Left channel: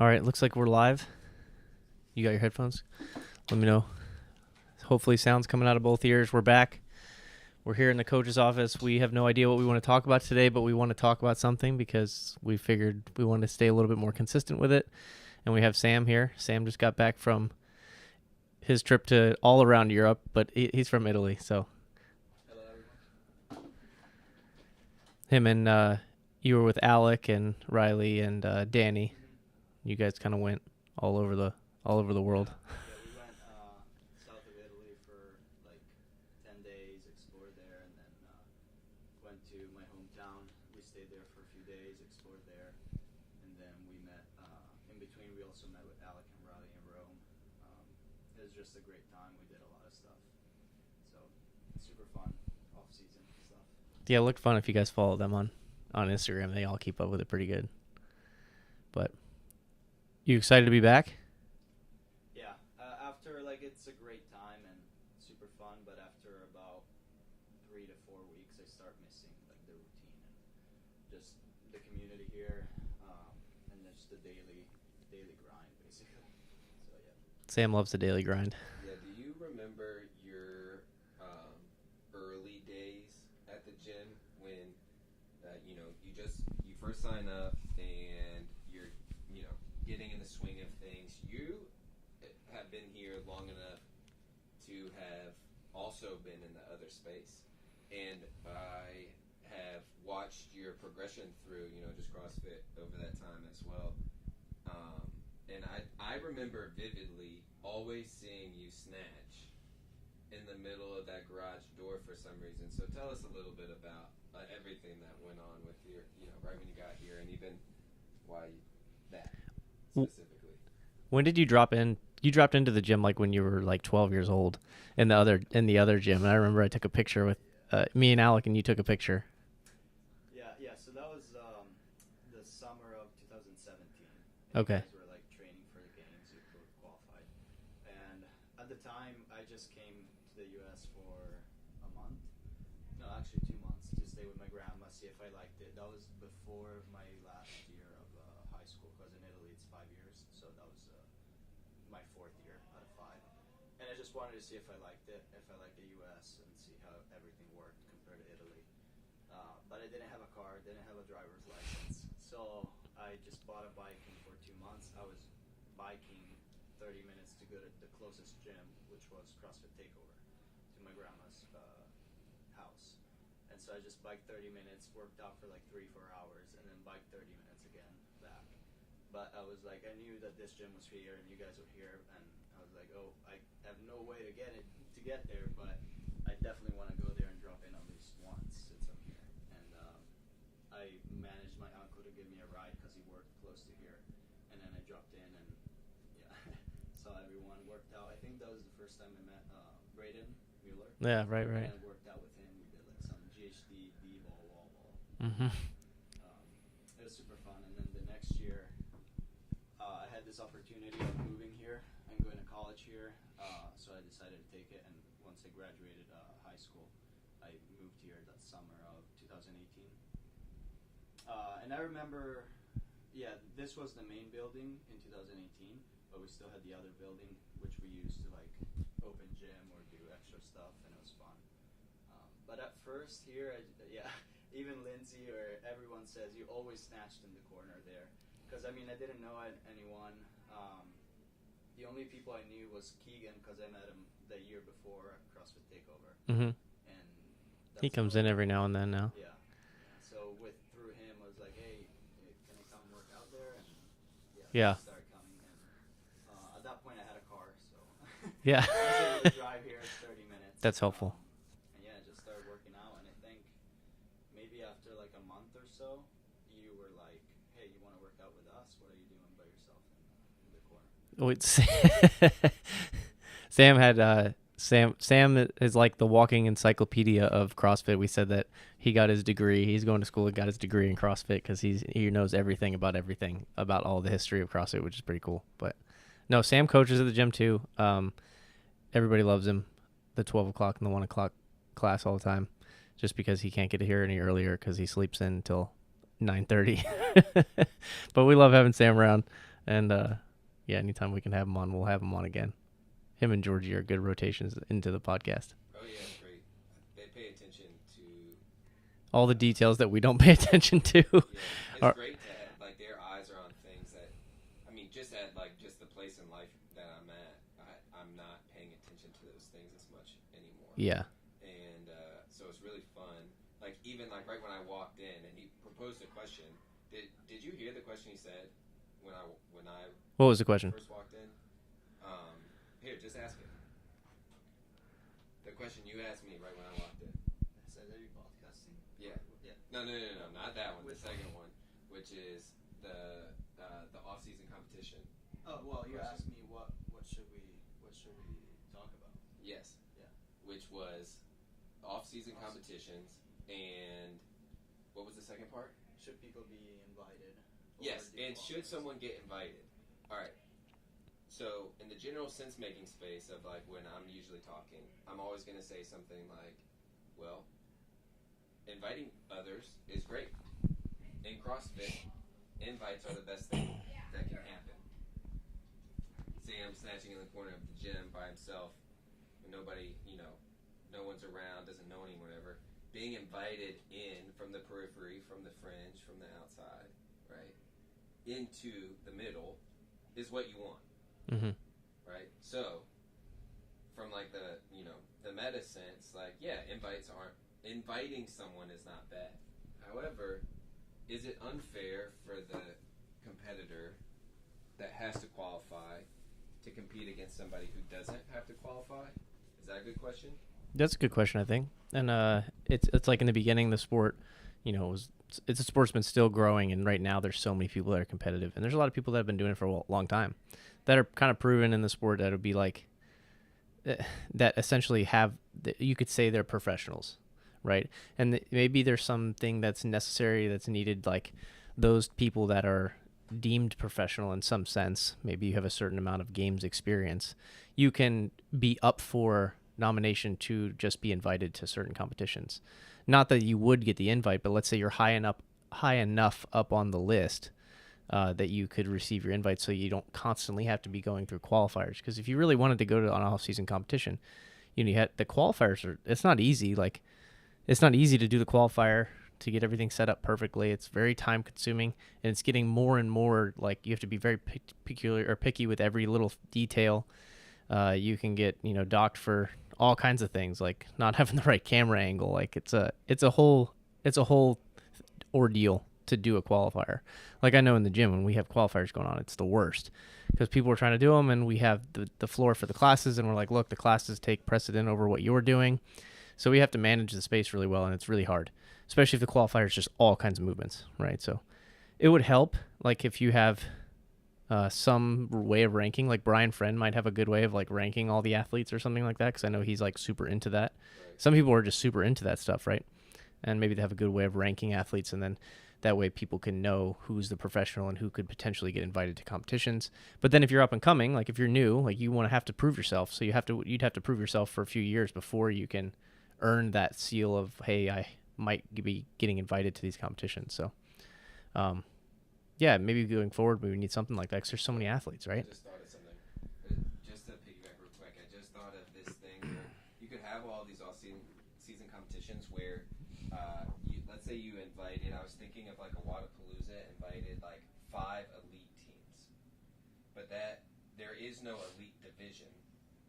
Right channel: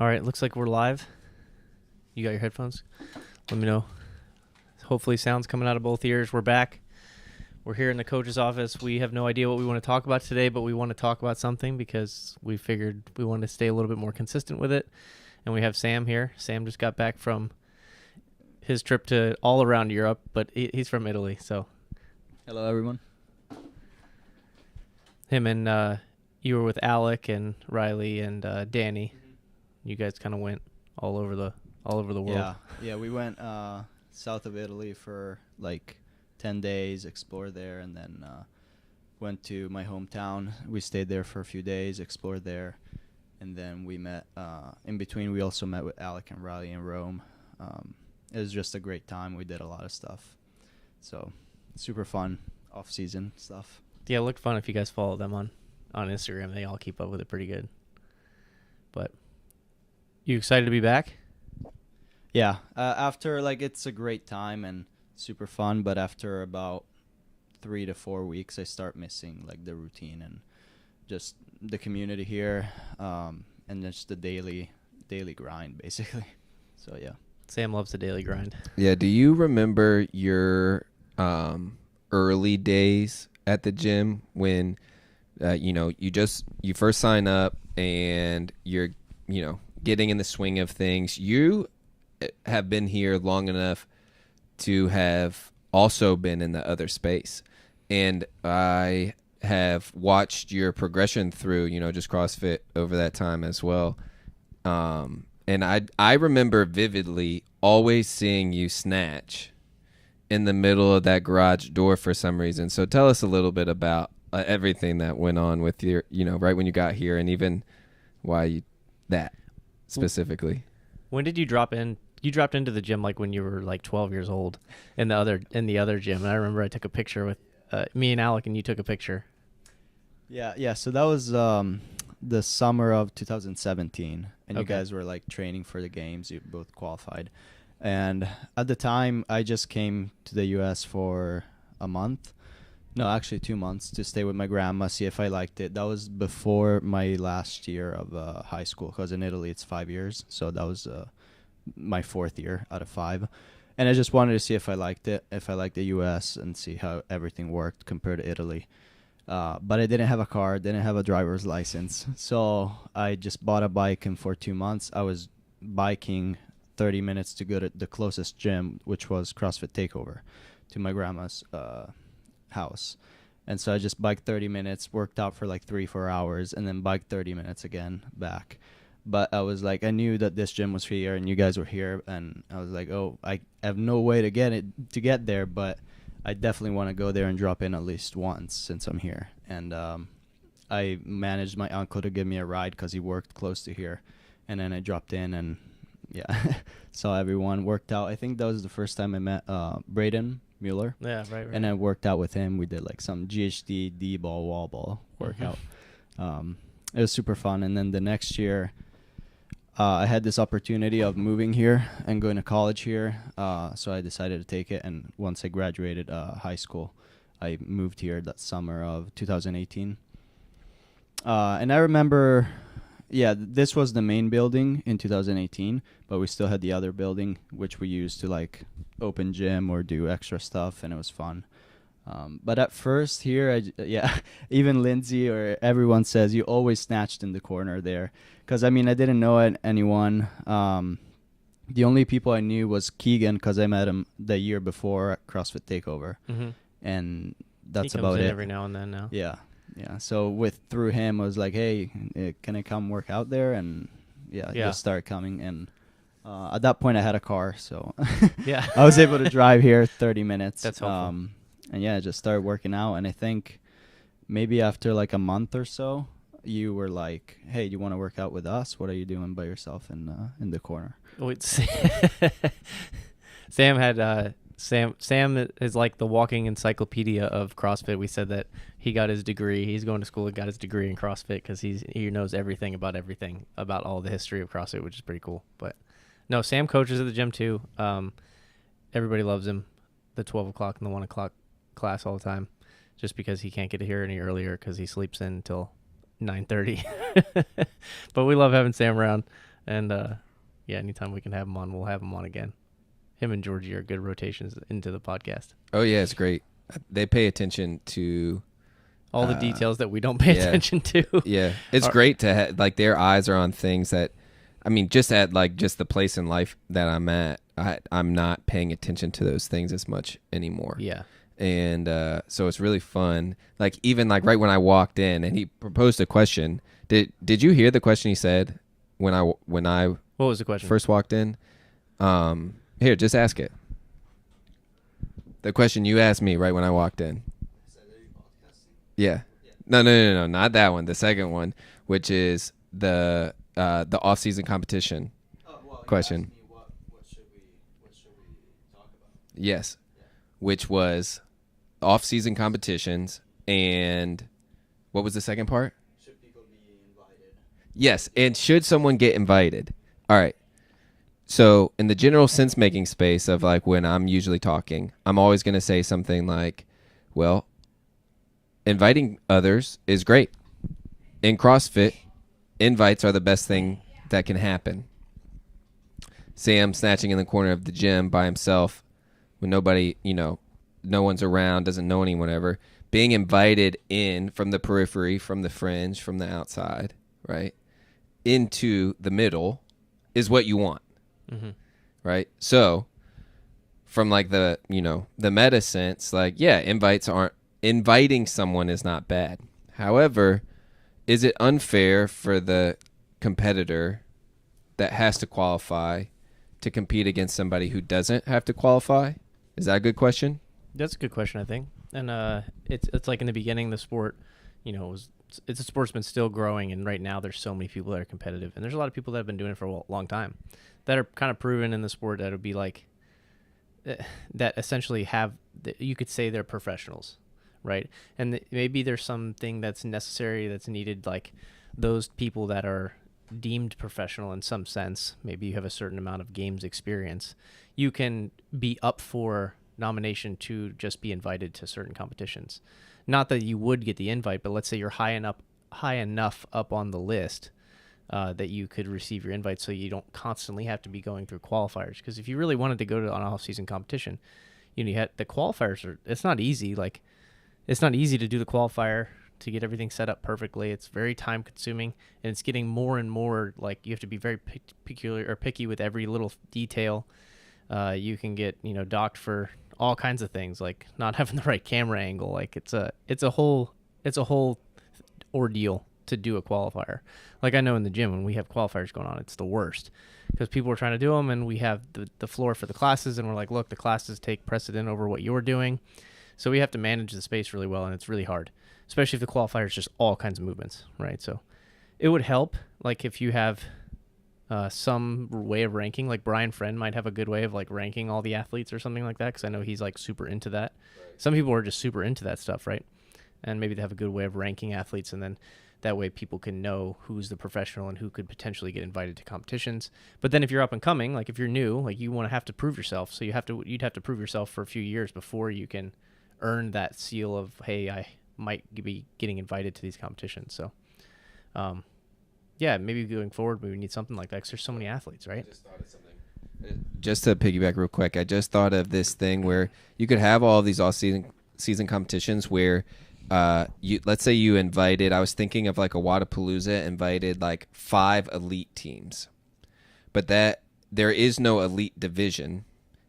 All right, looks like we're live. You got your headphones? Let me know. Hopefully sound's coming out of both ears. We're back. We're here in the coach's office. We have no idea what we want to talk about today, but we want to talk about something because we figured we wanted to stay a little bit more consistent with it. And we have Sam here. Sam just got back from his trip to all around Europe, but he's from Italy, so. Hello, everyone. Him and you were with Alec and Riley and Danny. You guys kind of went all over the world. Yeah, we went south of Italy for like 10 days, explored there, and then went to my hometown. We stayed there for a few days, explored there, and then we met. In between, we also met with Alec and Riley in Rome. It was just a great time. We did a lot of stuff. So, super fun off-season stuff. Yeah, it looked fun if you guys follow them on Instagram. They all keep up with it pretty good. But you excited to be back? Yeah. After, it's a great time and super fun, but after about 3 to 4 weeks, I start missing, the routine and just the community here and just the daily grind, basically. So, yeah. Sam loves the daily grind. Yeah, do you remember your early days at the gym when you first sign up and you're getting in the swing of things? You have been here long enough to have also been in the other space, and I have watched your progression through just CrossFit over that time as well. And I remember vividly always seeing you snatch in the middle of that garage door for some reason. So tell us a little bit about everything that went on with your, right when you got here, and even why that specifically. When did you drop in? You dropped into the gym when you were 12 years old in the other gym. And I remember I took a picture with me and Alec, and you took a picture. Yeah. So that was the summer of 2017, and Okay. you guys were training for the games. You both qualified, and at the time, I just came to the U.S. for a month. No, actually 2 months to stay with my grandma, see if I liked it. That was before my last year of high school, because in Italy it's 5 years. So that was my 4th year out of 5. And I just wanted to see if I liked it, if I liked the U.S. and see how everything worked compared to Italy. But I didn't have a car, didn't have a driver's license. So I just bought a bike, and for 2 months I was biking 30 minutes to go to the closest gym, which was CrossFit Takeover, to my grandma's house. And so I just biked 30 minutes, worked out for 3-4 hours, and then biked 30 minutes again back. But I was I knew that this gym was here and you guys were here, and I was I have no way to get there, but I definitely want to go there and drop in at least once since I'm here. And I managed my uncle to give me a ride because he worked close to here, and then I dropped in and saw everyone, worked out. I think that was the first time I met Braden Mueller. Yeah, right. And I worked out with him. We did some GHD, D-ball, wall ball workout. It was super fun. And then the next year, I had this opportunity of moving here and going to college here. So I decided to take it. And once I graduated high school, I moved here that summer of 2018. And I remember, this was the main building in 2018, but we still had the other building, which we used to open gym or do extra stuff, and it was fun. But at first here, even Lindsay or everyone says you always snatched in the corner there. Because, I didn't know anyone. The only people I knew was Keegan, because I met him the year before at CrossFit Takeover. Mm-hmm. And that's he about it. comes in every now and then now. Yeah. So through him, I was hey, can I come work out there? And he started coming. And at that point, I had a car, so yeah, I was able to drive here 30 minutes. That's helpful. And I just started working out. And I think maybe after a month or so, you were hey, do you want to work out with us? What are you doing by yourself in the corner? Wait, Sam had Sam is the walking encyclopedia of CrossFit. We said that he got his degree. He's going to school and got his degree in CrossFit because he knows everything about all the history of CrossFit, which is pretty cool. But no, Sam coaches at the gym too. Everybody loves him. The 12 o'clock and the 1 o'clock class all the time, just because he can't get here any earlier because he sleeps in until 9:30. But we love having Sam around. And yeah, anytime we can have him on, we'll have him on again. Him and Georgie are good rotations into the podcast. Oh yeah, it's great. They pay attention to all the details that we don't pay attention to. Yeah, it's great to have, like, their eyes are on things that, I mean, just at like just the place in life that I'm at, I'm not paying attention to those things as much anymore. Yeah. And so it's really fun. Like, even like right when I walked in and he proposed a question. Did you hear the question he said when I what was the question? first walked in? Here, just ask it. The question you asked me right when I walked in. Yeah. No, not that one. The second one, which is the off-season competition question. You asked me what should we talk about? Yes. Yeah. Which was off-season competitions, and what was the second part? Should people be invited? Yes, and should someone get invited? All right. So in the general sense-making space of like when I'm usually talking, I'm always going to say something like, well, inviting others is great. In CrossFit, invites are the best thing that can happen. Sam snatching in the corner of the gym by himself when nobody, no one's around, doesn't know anyone ever. Being invited in from the periphery, from the fringe, from the outside, right, into the middle is what you want, right? So from like the meta sense, like, yeah, inviting someone is not bad. However, is it unfair for the competitor that has to qualify to compete against somebody who doesn't have to qualify? Is that a good question? That's a good question, I think. And it's like in the beginning, the sport, it's a sport's been still growing, and right now there's so many people that are competitive, and there's a lot of people that have been doing it for a long time that are kind of proven in the sport that it would be like that essentially you could say they're professionals, right? And maybe there's something that's necessary, that's needed, like those people that are deemed professional in some sense. Maybe you have a certain amount of games experience. You can be up for nomination to just be invited to certain competitions. Not that you would get the invite, but let's say you're high enough up on the list that you could receive your invite, so you don't constantly have to be going through qualifiers. Because if you really wanted to go to an off-season competition, you had the qualifiers. It's not easy. Like, it's not easy to do the qualifier, to get everything set up perfectly. It's very time consuming, and it's getting more and more like you have to be very picky with every little detail. You can get docked for all kinds of things, like not having the right camera angle. Like it's a whole ordeal to do a qualifier. Like, I know in the gym when we have qualifiers going on, it's the worst because people are trying to do them, and we have the floor for the classes, and we're like, look, the classes take precedent over what you're doing. So we have to manage the space really well, and it's really hard, especially if the qualifier is just all kinds of movements, right? So it would help, like, if you have some way of ranking, like Brian Friend might have a good way of like ranking all the athletes or something like that, because I know he's like super into that. Some people are just super into that stuff, right? And maybe they have a good way of ranking athletes, and then that way people can know who's the professional and who could potentially get invited to competitions. But then if you're up and coming, like if you're new, like you want to have to prove yourself. So you'd have to prove yourself for a few years before you can earn that seal of, hey, I might be getting invited to these competitions. So, yeah, maybe going forward, we need something like that because there's so many athletes, right? I just thought of something. Just to piggyback real quick, I just thought of this thing where you could have all of these off-season competitions where let's say you invited, I was thinking of like a Wadapalooza, invited like 5 elite teams. But that there is no elite division.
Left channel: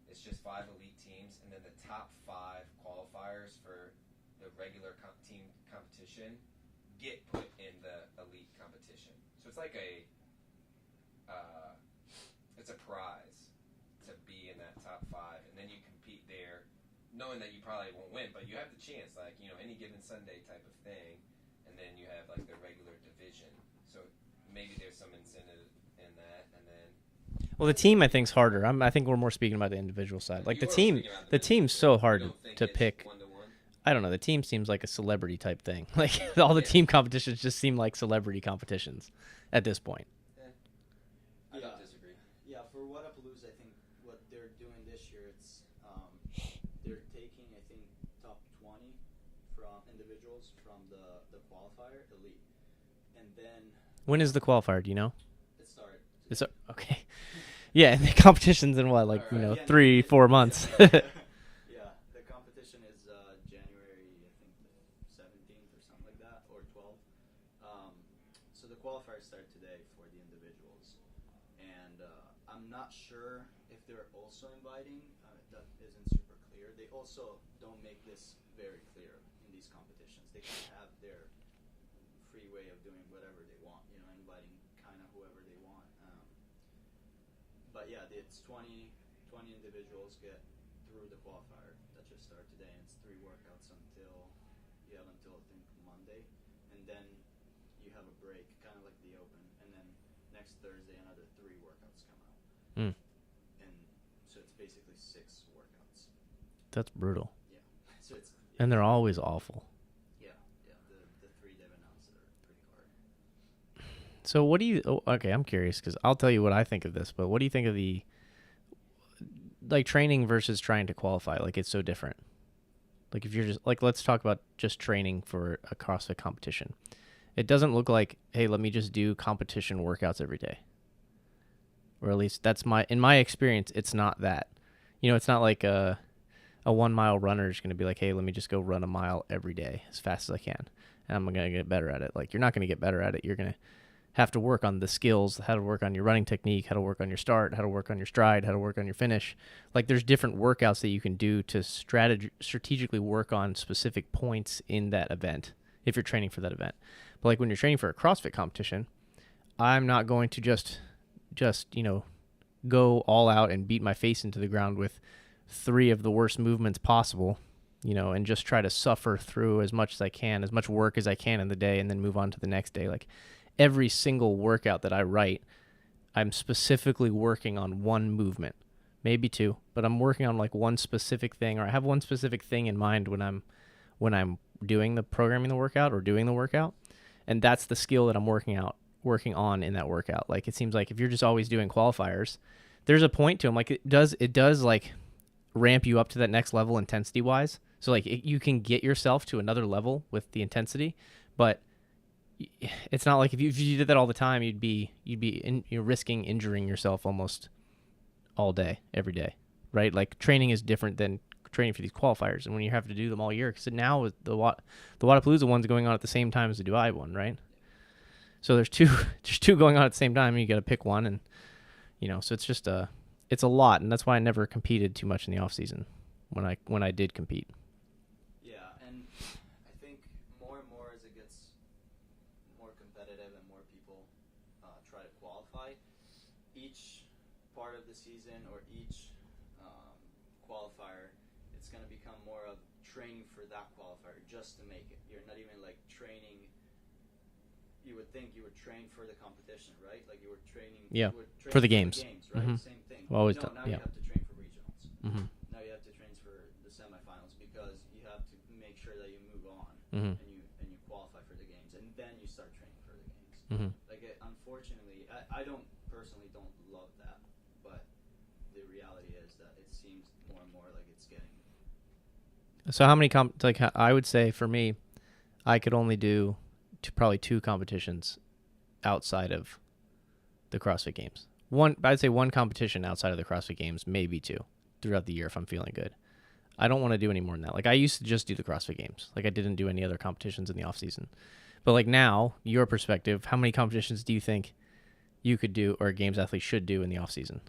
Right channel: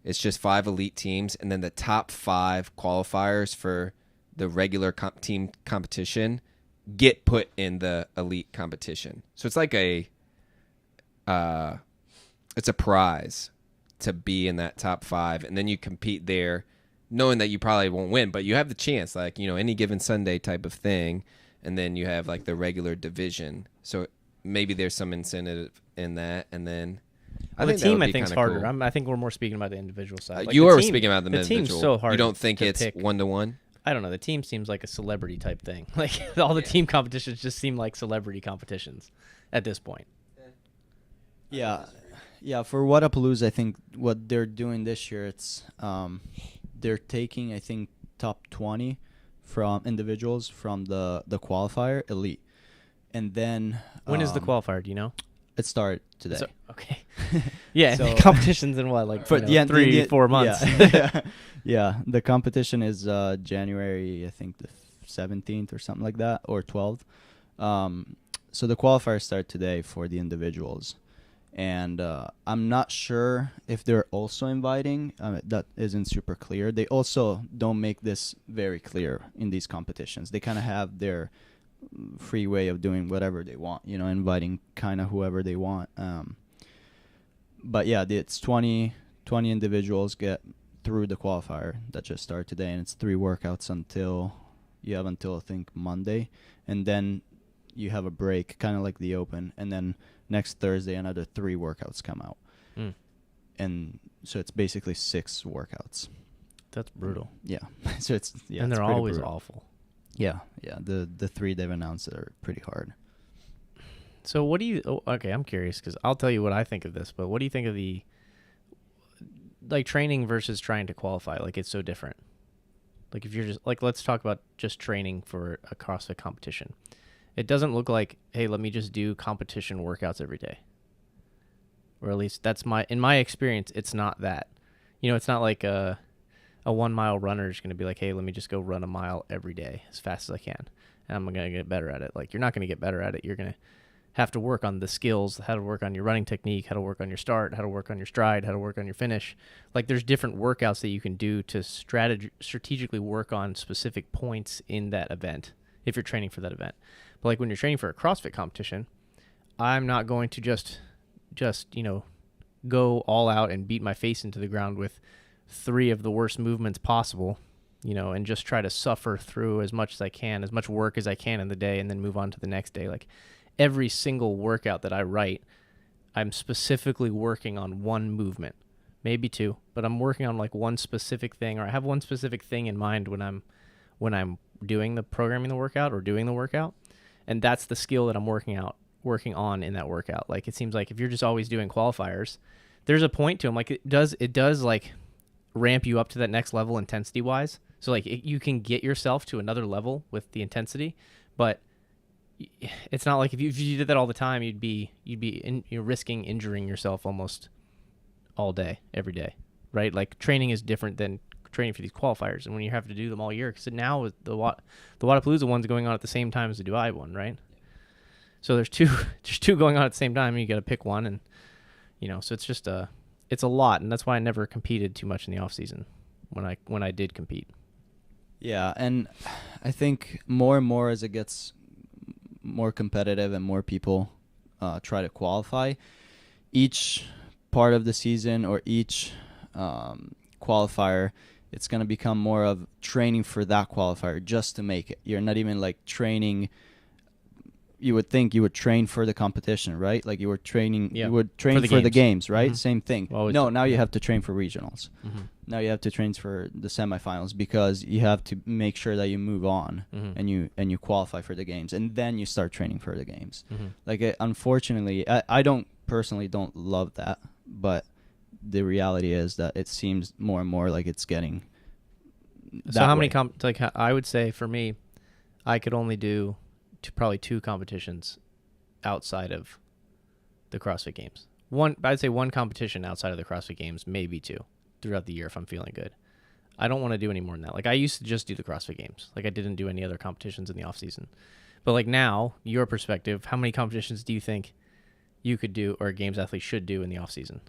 It's just 5 elite teams, and then the top 5 qualifiers for the regular team competition get put in the elite competition. So it's like it's a prize to be in that top 5, and then you compete there knowing that you probably won't win, but you have the chance, like, any given Sunday type of thing, and then you have like the regular division. So maybe there's some incentive in that, and then the team I think is harder. Cool. I think we're more speaking about the individual side. Like you are speaking about the team's so hard. You don't think to it's pick 1-to-1? I don't know. The team seems like a celebrity type thing. Like all the team competitions just seem like celebrity competitions at this point. Yeah. For Wadapalooza, I think what they're doing this year, it's they're taking, I think, top 20 from individuals from the qualifier elite, and then when is the qualifier? Do you know? It started today. So, okay. Yeah, So- the competition's in what, like For- you know, yeah, 3-4 months. Yeah. Yeah, the competition is January, I think the 17th or something like that, or 12th. So the qualifiers start today for the individuals, and I'm not sure if they're also inviting. That isn't super clear. They also don't make this very clear in these competitions. They kind of have their free way of doing whatever they want, you know, inviting kind of whoever they want. But yeah, it's 20 individuals get through the qualifier that just started today, and it's 3 workouts until I think Monday, and then you have a break, kind of like the Open, and then next Thursday another 3 workouts come out. And so it's basically 6 workouts. That's brutal. Yeah. So it's and it's they're pretty always brutal. awful. Yeah. The 3 they've announced are pretty hard. So what do you? Oh, okay, I'm curious because I'll tell you what I think of this. But what do you think of the like training versus trying to qualify? Like it's so different. Like if you're just like, let's talk about just training for a CrossFit competition. It doesn't look like, hey, let me just do competition workouts every day. Or at least that's in my experience, it's not that. You know, it's not like a 1 mile runner is going to be like, hey, let me just go run a mile every day as fast as I can. And I'm going to get better at it. Like you're not going to get better at it. You're going to have to work on the skills, how to work on your running technique, how to work on your start, how to work on your stride, how to work on your finish. Like there's different workouts that you can do to strategically work on specific points in that event if you're training for that event. But like when you're training for a CrossFit competition, I'm not going to just you know, go all out and beat my face into the ground with 3 of the worst movements possible, you know, and just try to suffer through as much as I can, as much work as I can in the day, and then move on to the next day. Like every single workout that I write, I'm specifically working on one movement, maybe 2, but I'm working on like one specific thing, or I have one specific thing in mind when I'm doing the programming the workout or doing the workout. And that's the skill that I'm working on in that workout. Like it seems like if you're just always doing qualifiers, there's a point to them. Like it does like ramp you up to that next level intensity wise. So like you can get yourself to another level with the intensity, but it's not like if you did that all the time, you're risking injuring yourself almost all day, every day, right? Like training is different than training for these qualifiers, and when you have to do them all year, because now with the Wodapalooza one's going on at the same time as the Dubai one, right? So there's two going on at the same time, and you got to pick one, and you know, so it's a lot, and that's why I never competed too much in the off season when I did compete. Yeah, and I think more and more as it gets more competitive and more people try to qualify, each part of the season or each qualifier, it's going to become more of training for that qualifier just to make it. You're not even like training. You would think you would train for the competition, right? Like you were training, Yeah, you would train for for the the games. games, right? Mhm. Same thing. Always No, done, now you yeah. have to train for regionals. Mm-hmm. Now you have to train for the semifinals because you have to make sure that you move on Mm-hmm. and you qualify for the games, and then you start training for the games. Mm-hmm. Like unfortunately, I don't personally don't love that, but the reality is that it seems more and more like it's getting. So how many I would say for me, I could only do probably 2 competitions outside of the CrossFit Games. I'd say one competition outside of the CrossFit Games, maybe 2 throughout the year if I'm feeling good. I don't want to do any more than that. Like I used to just do the CrossFit Games. Like I didn't do any other competitions in the off season. But like now, your perspective, how many competitions do you think you could do or a games athlete should do in the off season?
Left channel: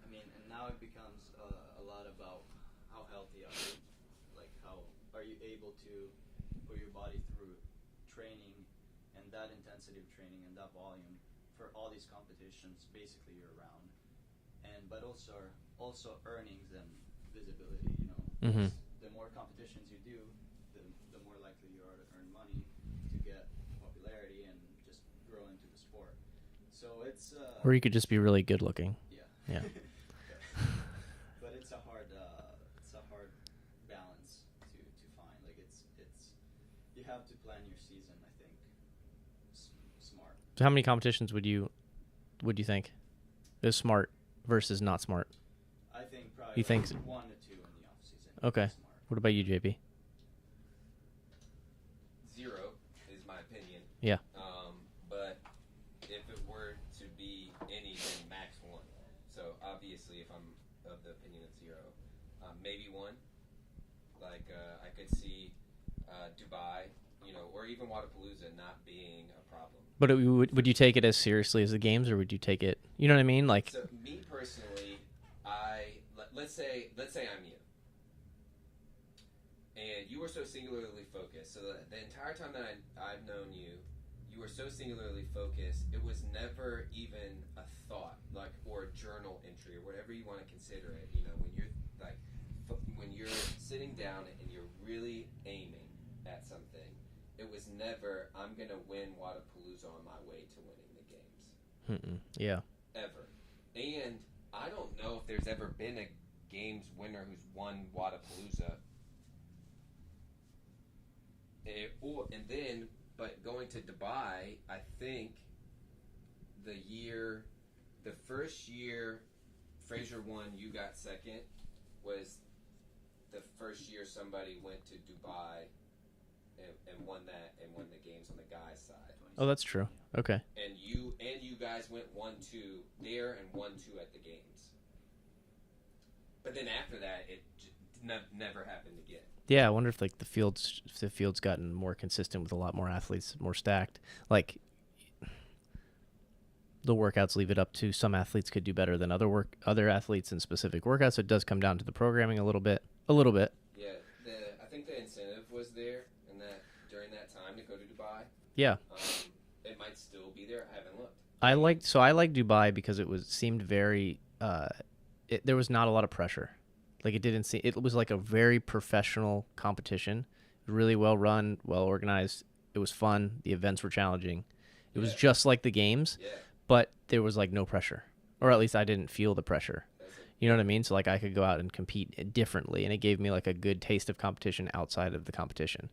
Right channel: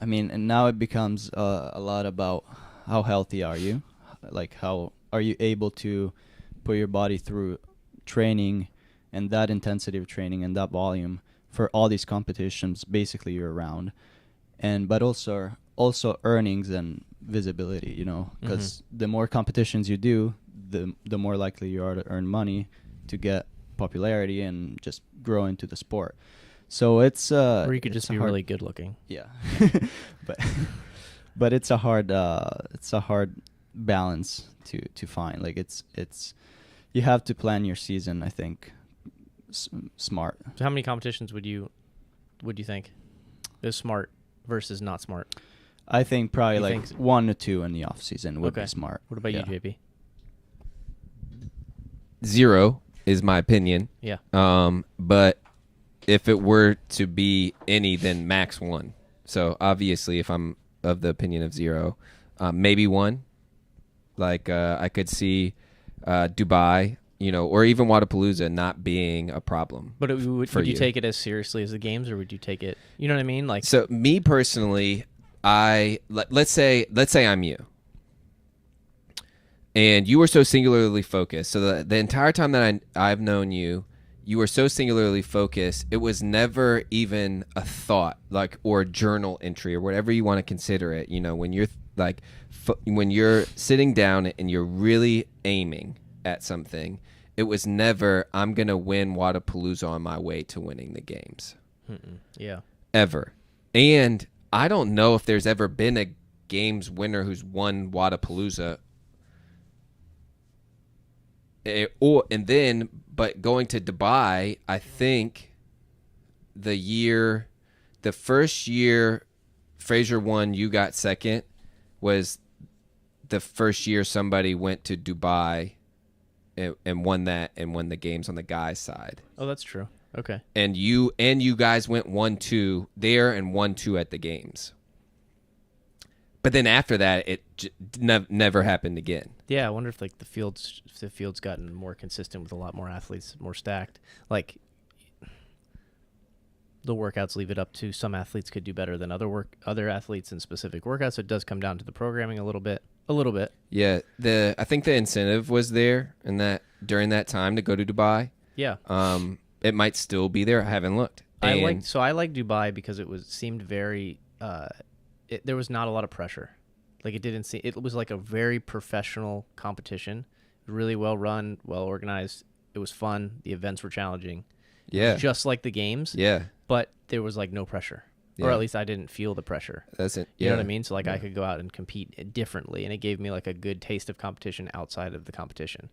I mean, and now it becomes a lot about how healthy are you, like how are you able to put your body through training and that intensity of training and that volume for all these competitions basically year round, but also earnings and visibility, you know, because the more competitions you do, the more likely you are to earn money, to get popularity and just grow into the sport. So it's Or you could it's just be really good looking. yeah. but it's a hard balance to find. Like it's you have to plan your season, I think, smart. So how many competitions would you think is smart versus not smart? I think probably You like think 1 to 2 in the off season would Okay. be smart. What about Yeah. you, JP? 0 is my opinion. Yeah. But if it were to be any, then max 1. So obviously, if I'm of the opinion of 0, maybe 1. Like I could see Dubai, or even Wadapalooza not being a problem. But would you take it as seriously as the games, or would you take it? You know what I mean? Like, so me personally, let's say I'm you, and you were so singularly focused. So the entire time that I've known you, you were so singularly focused. It was never even a thought, like, or a journal entry or whatever you want to consider it. When you're like, when you're sitting down and you're really aiming at something, it was never, I'm going to win Wadapalooza on my way to winning the games. Yeah. Ever. And I don't know if there's ever been a games winner who's won Wadapalooza. But going to Dubai, I think the first year Fraser won, you got second, was the first year somebody went to Dubai and won the games on the guys' side. Oh, that's true. Okay. And you guys went 1-2 there and 1-2 at the games. But then after that, it never happened again. Yeah, I wonder if the field's gotten more consistent with a lot more athletes, more stacked. Like, the workouts leave it up to some athletes could do better than other athletes in specific workouts. So it does come down to the programming a little bit. Yeah, I think the incentive was there during that time to go to Dubai. Yeah. It might still be there. I haven't looked. I like Dubai because seemed very there was not a lot of pressure. Like, it was like a very professional competition, really well run, well organized. It was fun. The events were challenging. It was just like the games. Yeah. But there was like no pressure. Yeah. Or at least I didn't feel the pressure. That's it. You know what I mean? So like I could go out and compete differently, and it gave me like a good taste of competition outside of the competition.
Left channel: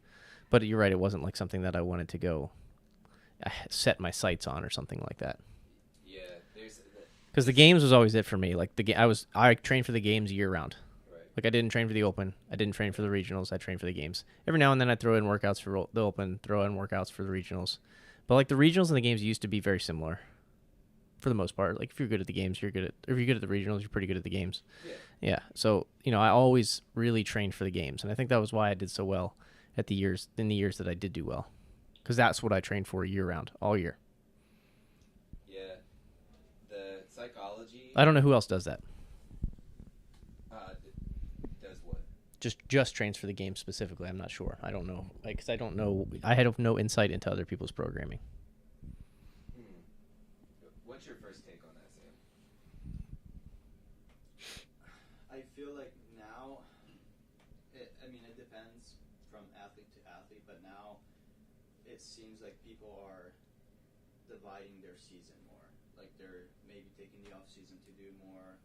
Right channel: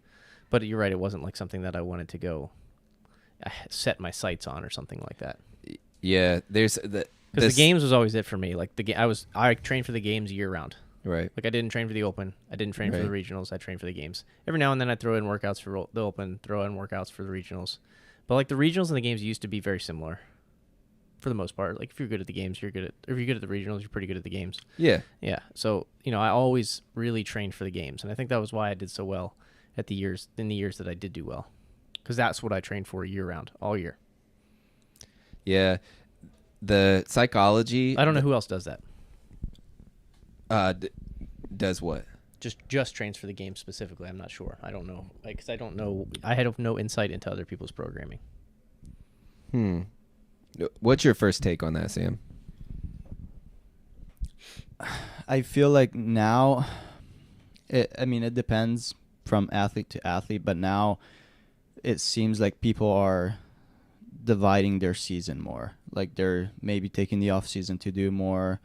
But you're right, it wasn't like something that I wanted to go set my sights on or something like that. Yeah, because the games was always it for me. Like I trained for the games year round. Right. Like I didn't train for the Open. I didn't train for the regionals. I trained for the games. Every now and then I throw in workouts for the Open, throw in workouts for the regionals. But like the regionals and the games used to be very similar. For the most part, like if you're good at the games, if you're good at the regionals, you're pretty good at the games. Yeah. Yeah. So, I always really trained for the games, and I think that was why I did so well in the years that I did do well. Because that's what I trained for year round, all year. Yeah. The psychology. I don't know who else does that. Does what? Just trains for the game specifically. I'm not sure. I don't know. Because I don't know. I had no insight into other people's programming. What's your first take on that, Sam? I feel like now, it depends from athlete to athlete, but now it seems like people are dividing their season more. Like they're maybe taking the off season to do more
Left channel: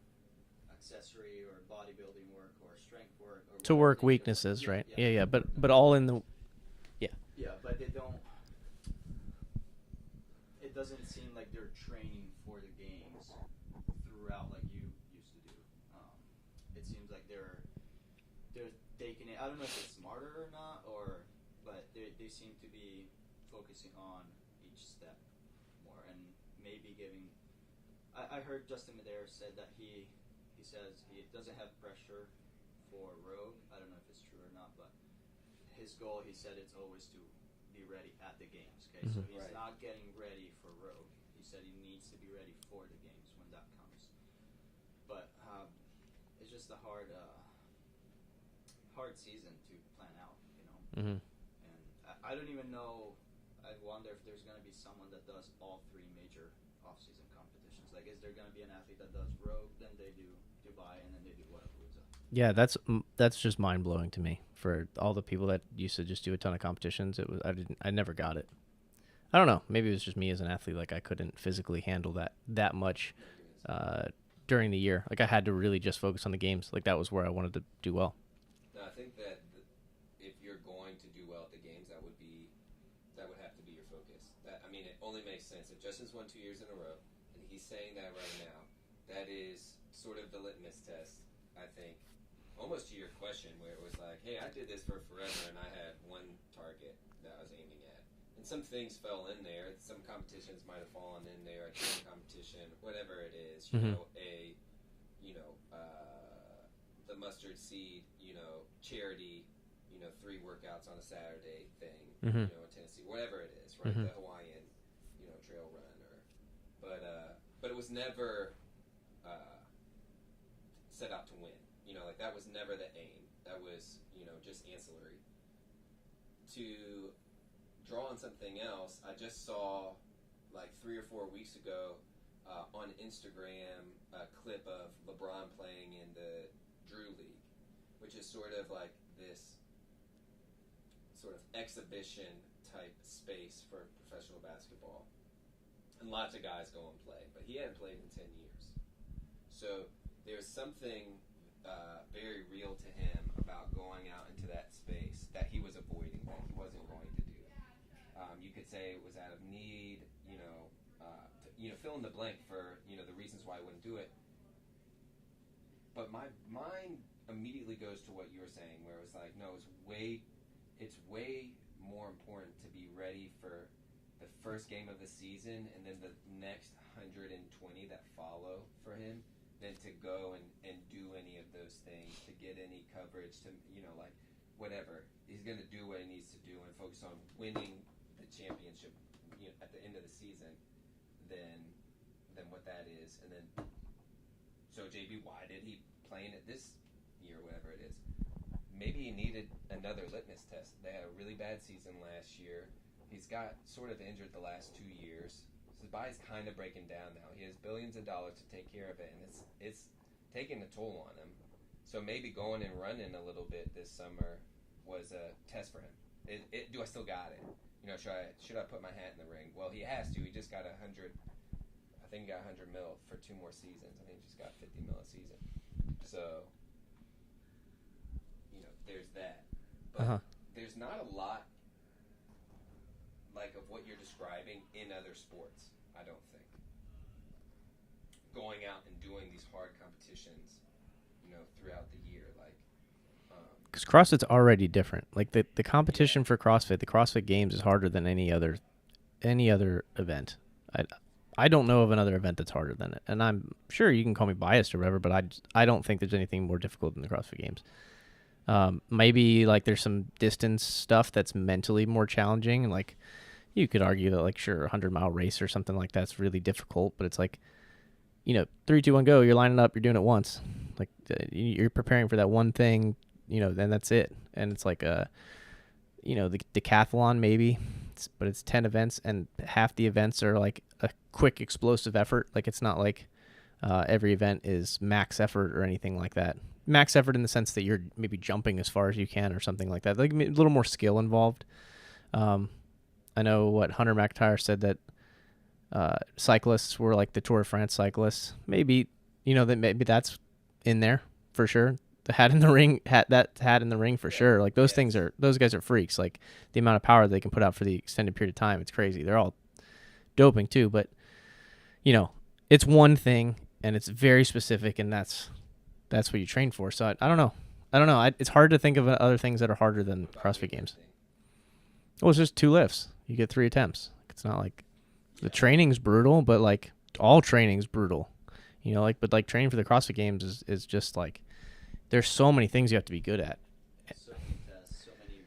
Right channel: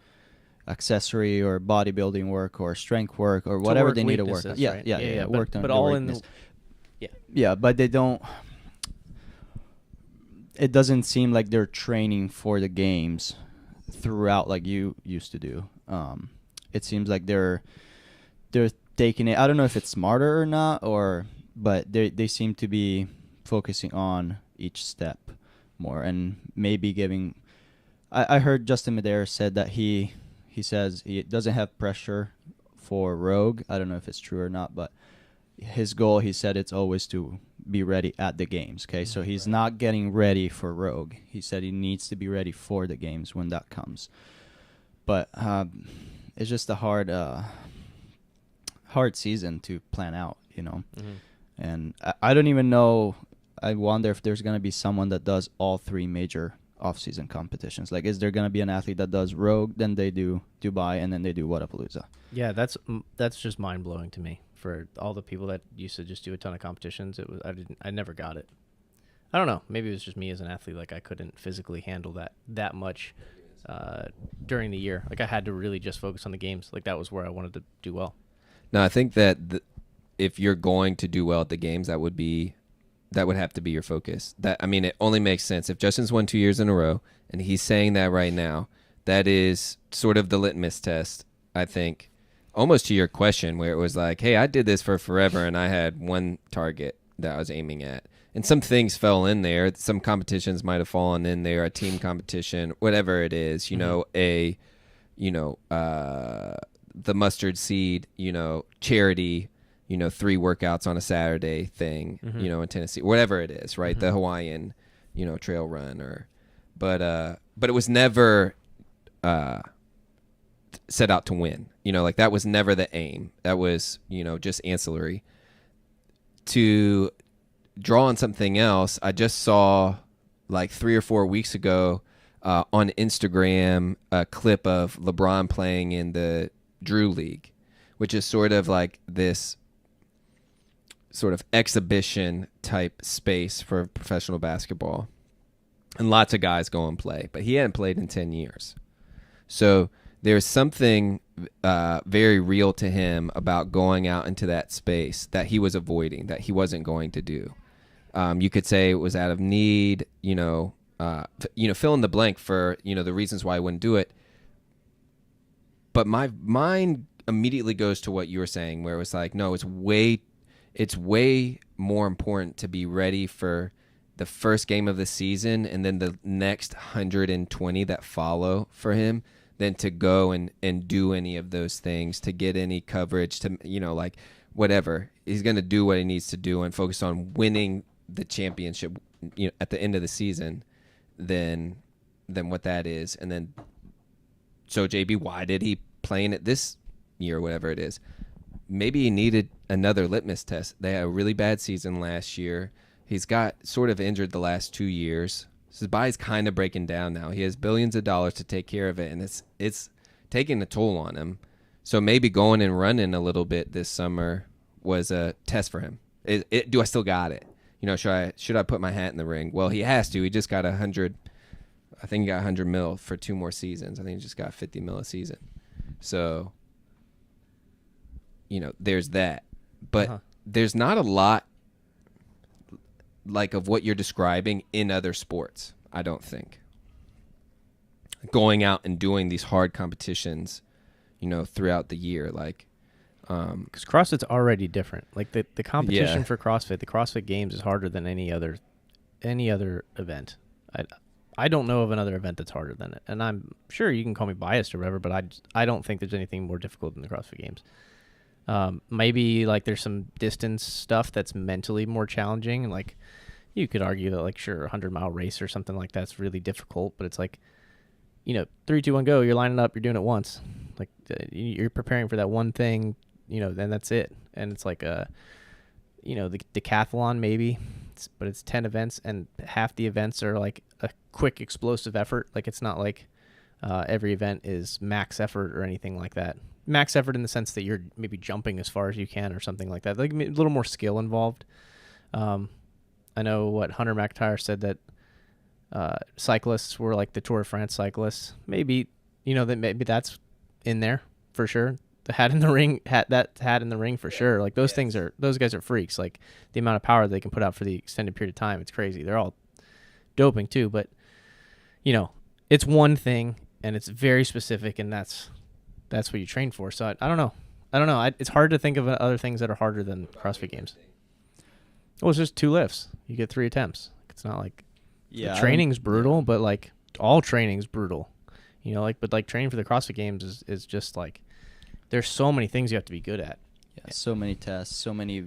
accessory or bodybuilding work or strength work or whatever they need to work. Right? Yeah. But all all in the yeah, but they don't. It doesn't seem like they're training for the games throughout like you used to do. It seems like they're taking it. I don't know if it's smarter or not, but they seem to be focusing on each step more and maybe giving. I heard Justin Medeiros said that he says he doesn't have pressure for Rogue. I don't know if it's true or not, but his goal, he said, it's always to be ready at the games. Okay, so he's not getting ready for Rogue. He said he needs to be ready for the games when that comes. But it's just a hard season to plan out, And I don't even know. I wonder if there's going to be someone that does all three major off-season competitions. Like, is there going to be an athlete that does Rogue, then they do Dubai, and then they do Wadapalooza? Yeah, that's just mind-blowing to me. For all the people that used to just do a ton of competitions, I never got it. I don't know. Maybe it was just me as an athlete. Like I couldn't physically handle that much during the year. Like I had to really just focus on the games. Like that was where I wanted to do well. No, I think that if you're going to do well at the games, that would have to be your focus. It only makes sense if Justin's won 2 years in a row and he's saying that right now. That is sort of the litmus test, I think. Almost to your question where it was like, hey, I did this for forever and I had one target that I was aiming at. and some things fell in there. Some competitions might have fallen in there, a team competition, whatever it is, the mustard seed, charity, 3 workouts on a Saturday thing, in Tennessee, whatever it is, right? The Hawaiian, trail run but it was never, set out to win, like that was never the aim. That was, just ancillary. To draw on something else, I just saw like 3 or 4 weeks ago on Instagram a clip of LeBron playing in the Drew League, which is sort of like this sort of exhibition type space for professional basketball. And lots of guys go and play, but he hadn't played in 10 years. So there's something very real to him about going out into that space that he was avoiding, that he wasn't going to do. You could say it was out of need, fill in the blank for, the reasons why I wouldn't do it. But my mind immediately goes to what you were saying, where it was like, no, it's way more important to be ready for the first game of the season and then the next 120 that follow for him than to go and do any of those things, to get any coverage, to, like whatever. He's going to do what he needs to do and focus on winning the championship, at the end of the season than what that is. And then, so JB, why did he play in it this year, whatever it is? Maybe he needed another litmus test. They had a really bad season last year. He's got sort of injured the last 2 years. So his body's kind of breaking down now. He has billions of dollars to take care of it, and it's taking a toll on him. So maybe going and running a little bit this summer was a test for him. Do I still got it? Should I put my hat in the ring? Well, he has to. He just got 100. I think he got 100 mil for 2 more seasons. I think he just got 50 mil a season. So, there's that. But there's not a lot like of what you're describing in other sports, I don't think. Going out and doing these hard competitions, throughout the year, like, because CrossFit's already different. Like the competition for CrossFit, the CrossFit Games is harder than any other event. I don't know of another event that's harder than it, and I'm sure you can call me biased or whatever, but I don't think there's anything more difficult than the CrossFit Games. Maybe like there's some distance stuff that's mentally more challenging, and like you could argue that like sure 100-mile race or something like that's really difficult, but it's like 3, 2, 1, go. You're lining up. You're doing it once. Like you're preparing for that one thing. Then that's it. And it's like the decathlon maybe, but it's 10 events, and half the events are like a quick explosive effort. Like it's not like every event is max effort or anything like that. Max effort in the sense that you're maybe jumping as far as you can or something like that. Like a little more skill involved. I know what Hunter McIntyre said that cyclists were like the Tour de France cyclists. Maybe maybe that's in there for sure. The hat in the ring, hat in the ring for sure. Like those guys are freaks. Like the amount of power they can put out for the extended period of time, it's crazy. They're all doping too, but it's one thing and it's very specific, and that's what you train for. So I don't know. It's hard to think of other things that are harder than CrossFit Games. Well, it's just 2 lifts. You get 3 attempts. It's not like the training's brutal, but like all training's brutal. But like training for the CrossFit Games is just like, there's so many things you have to be good at. Yeah, so many tests, so many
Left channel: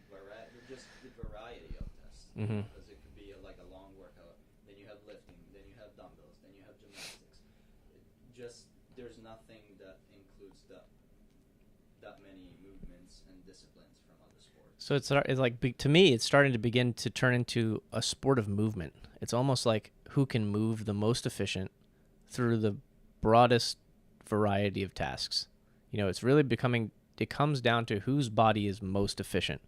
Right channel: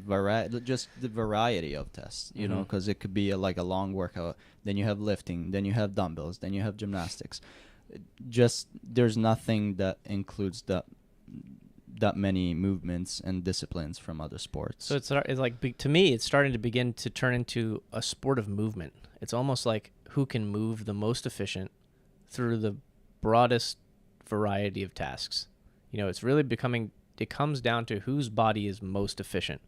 just the variety of tests, because it could be a long workout. Then you have lifting, then you have dumbbells, then you have gymnastics. Just there's nothing that includes that many movements and disciplines from other sports. So it's like, to me, it's starting to begin to turn into a sport of movement. It's almost like who can move the most efficient through the broadest variety of tasks. It's really it comes down to whose body is most efficient.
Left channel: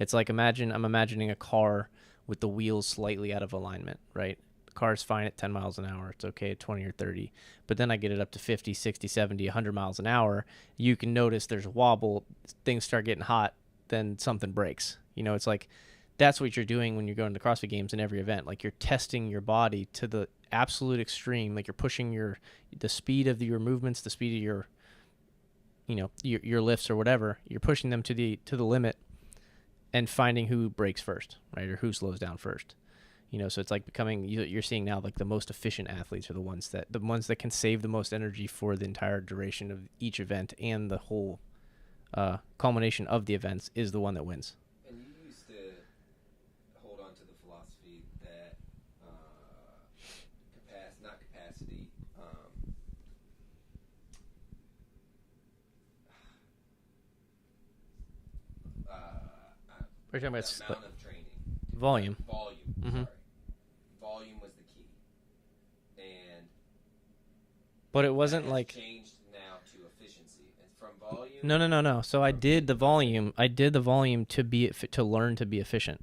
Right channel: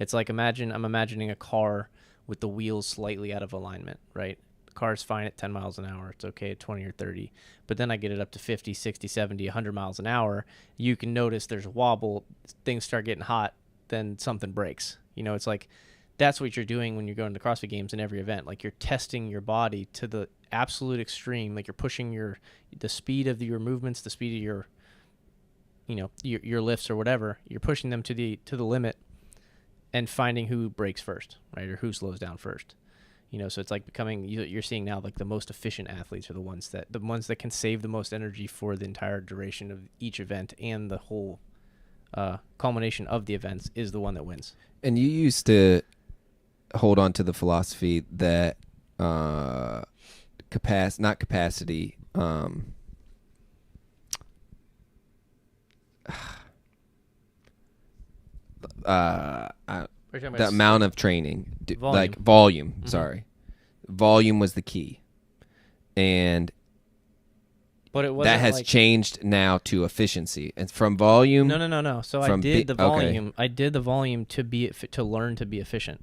It's like, I'm imagining a car with the wheels slightly out of alignment, right? The car's fine at 10 miles an hour. It's okay at 20 or 30. But then I get it up to 50, 60, 70, 100 miles an hour. You can notice there's a wobble. Things start getting hot. Then something breaks. It's like, that's what you're doing when you're going to the CrossFit Games in every event. Like you're testing your body to the absolute extreme. Like you're pushing the speed of your movements, the speed of your lifts or whatever. You're pushing them to the limit, and finding who breaks first, right, or who slows down first. So it's like becoming, you're seeing now like the most efficient athletes are the ones that can save the most energy for the entire duration of each event, and the whole culmination of the events is the one that wins. And you used to hold on to the philosophy that not capacity, the amount of training, volume. Mm-hmm. Sorry, volume was the key, and but it wasn't that has changed now to efficiency, and from volume. No. So I did the volume. Okay. I did the volume to learn to be efficient.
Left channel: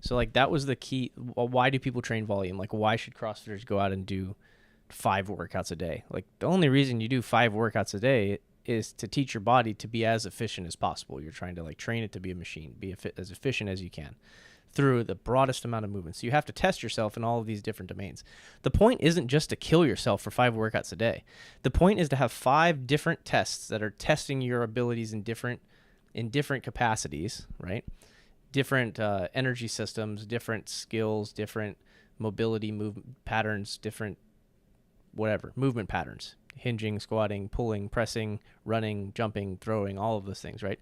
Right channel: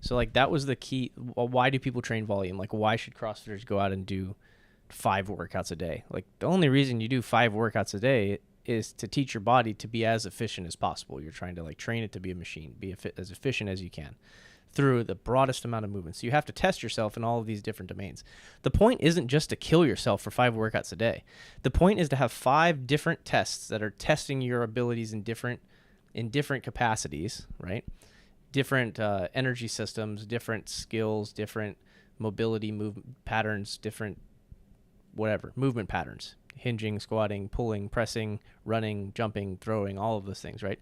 So like that was the key. Why do people train volume? Like why should CrossFitters go out and do 5 workouts a day? Like the only reason you do 5 workouts a day is to teach your body to be as efficient as possible. You're trying to like train it to be a machine, be as efficient as you can through the broadest amount of movement. So you have to test yourself in all of these different domains. The point isn't just to kill yourself for 5 workouts a day. The point is to have 5 different tests that are testing your abilities in different capacities, right? Different energy systems, different skills, different mobility movement patterns, different whatever, movement patterns. Hinging, squatting, pulling, pressing, running, jumping, throwing, all of those things, right?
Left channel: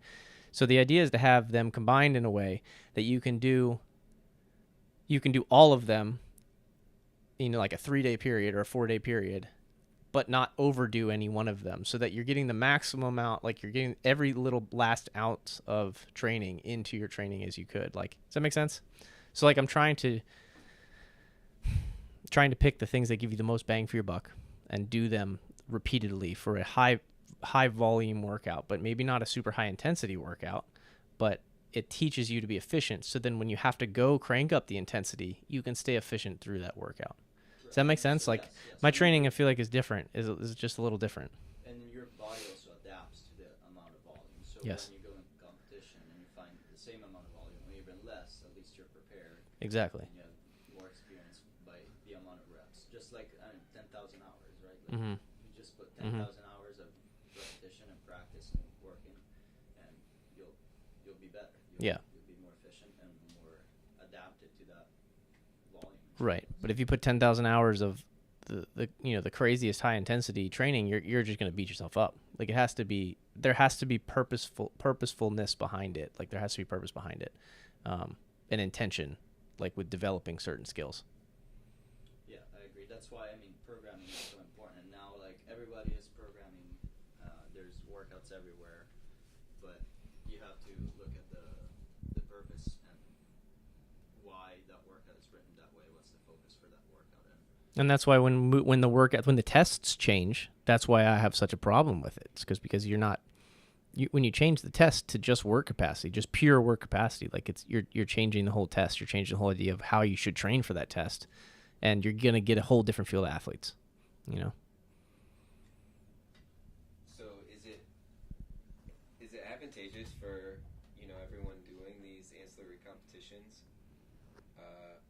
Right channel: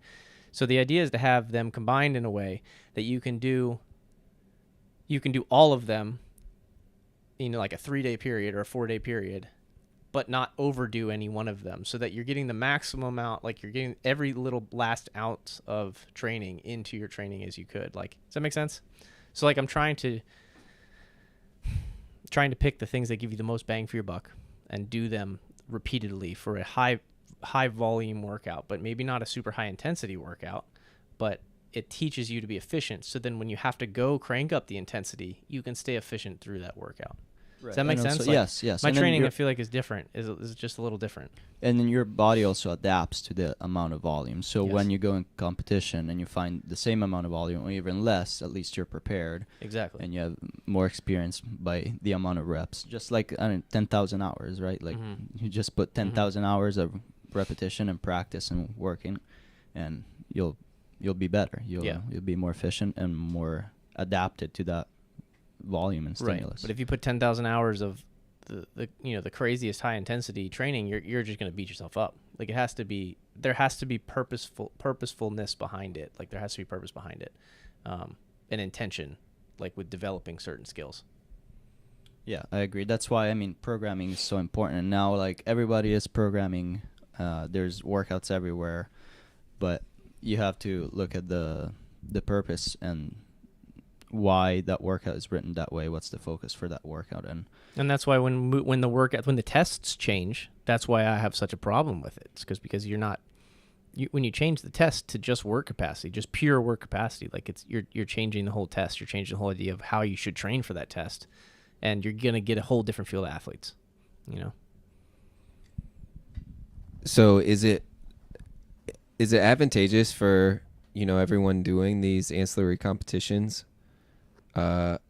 So the idea is to have them combined in a way that you can do all of them in like a 3-day period or a 4-day period, but not overdo any one of them, so that you're getting the maximum amount, like you're getting every little last ounce of training into your training as you could. Like, does that make sense? So like I'm trying to pick the things that give you the most bang for your buck and do them repeatedly for a high volume workout, but maybe not a super high intensity workout, but it teaches you to be efficient. So then when you have to go crank up the intensity, you can stay efficient through that workout. Right. Does that make sense? Like, yes. My training, I feel like, is different. Is just a little different. And then your body also adapts to the amount of volume. So when you go in competition and you find the same amount of volume or even less, at least you're prepared. Exactly. And you have more experience by the amount of reps. Just like 10,000 hours, right? Like you just put 10,000 hours of repetition and practice and working, and you'll be better. You'll be more efficient and more adapted to that volume and stimulus. Right. But if you put 10,000 hours of the craziest high intensity training, you're just going to beat yourself up. Like there has to be purposefulness behind it. Like there has to be purpose behind it, an intention, like with developing certain skills. Yeah, I agree. That's why programming is so important. And now like everybody is programming. There's workouts everywhere, but you have to look at the purpose and why that workout is written that way. What's the focus for that workout? And that's why when the tests change, that's why I have such a problem with it. It's because when you change the test to just work capacity, just pure work capacity, like you're changing the whole test. You're changing the whole idea of how you should train for that test, and you're gonna get a whole different field of athletes. So is it advantageous for everyone doing these ancillary competitions to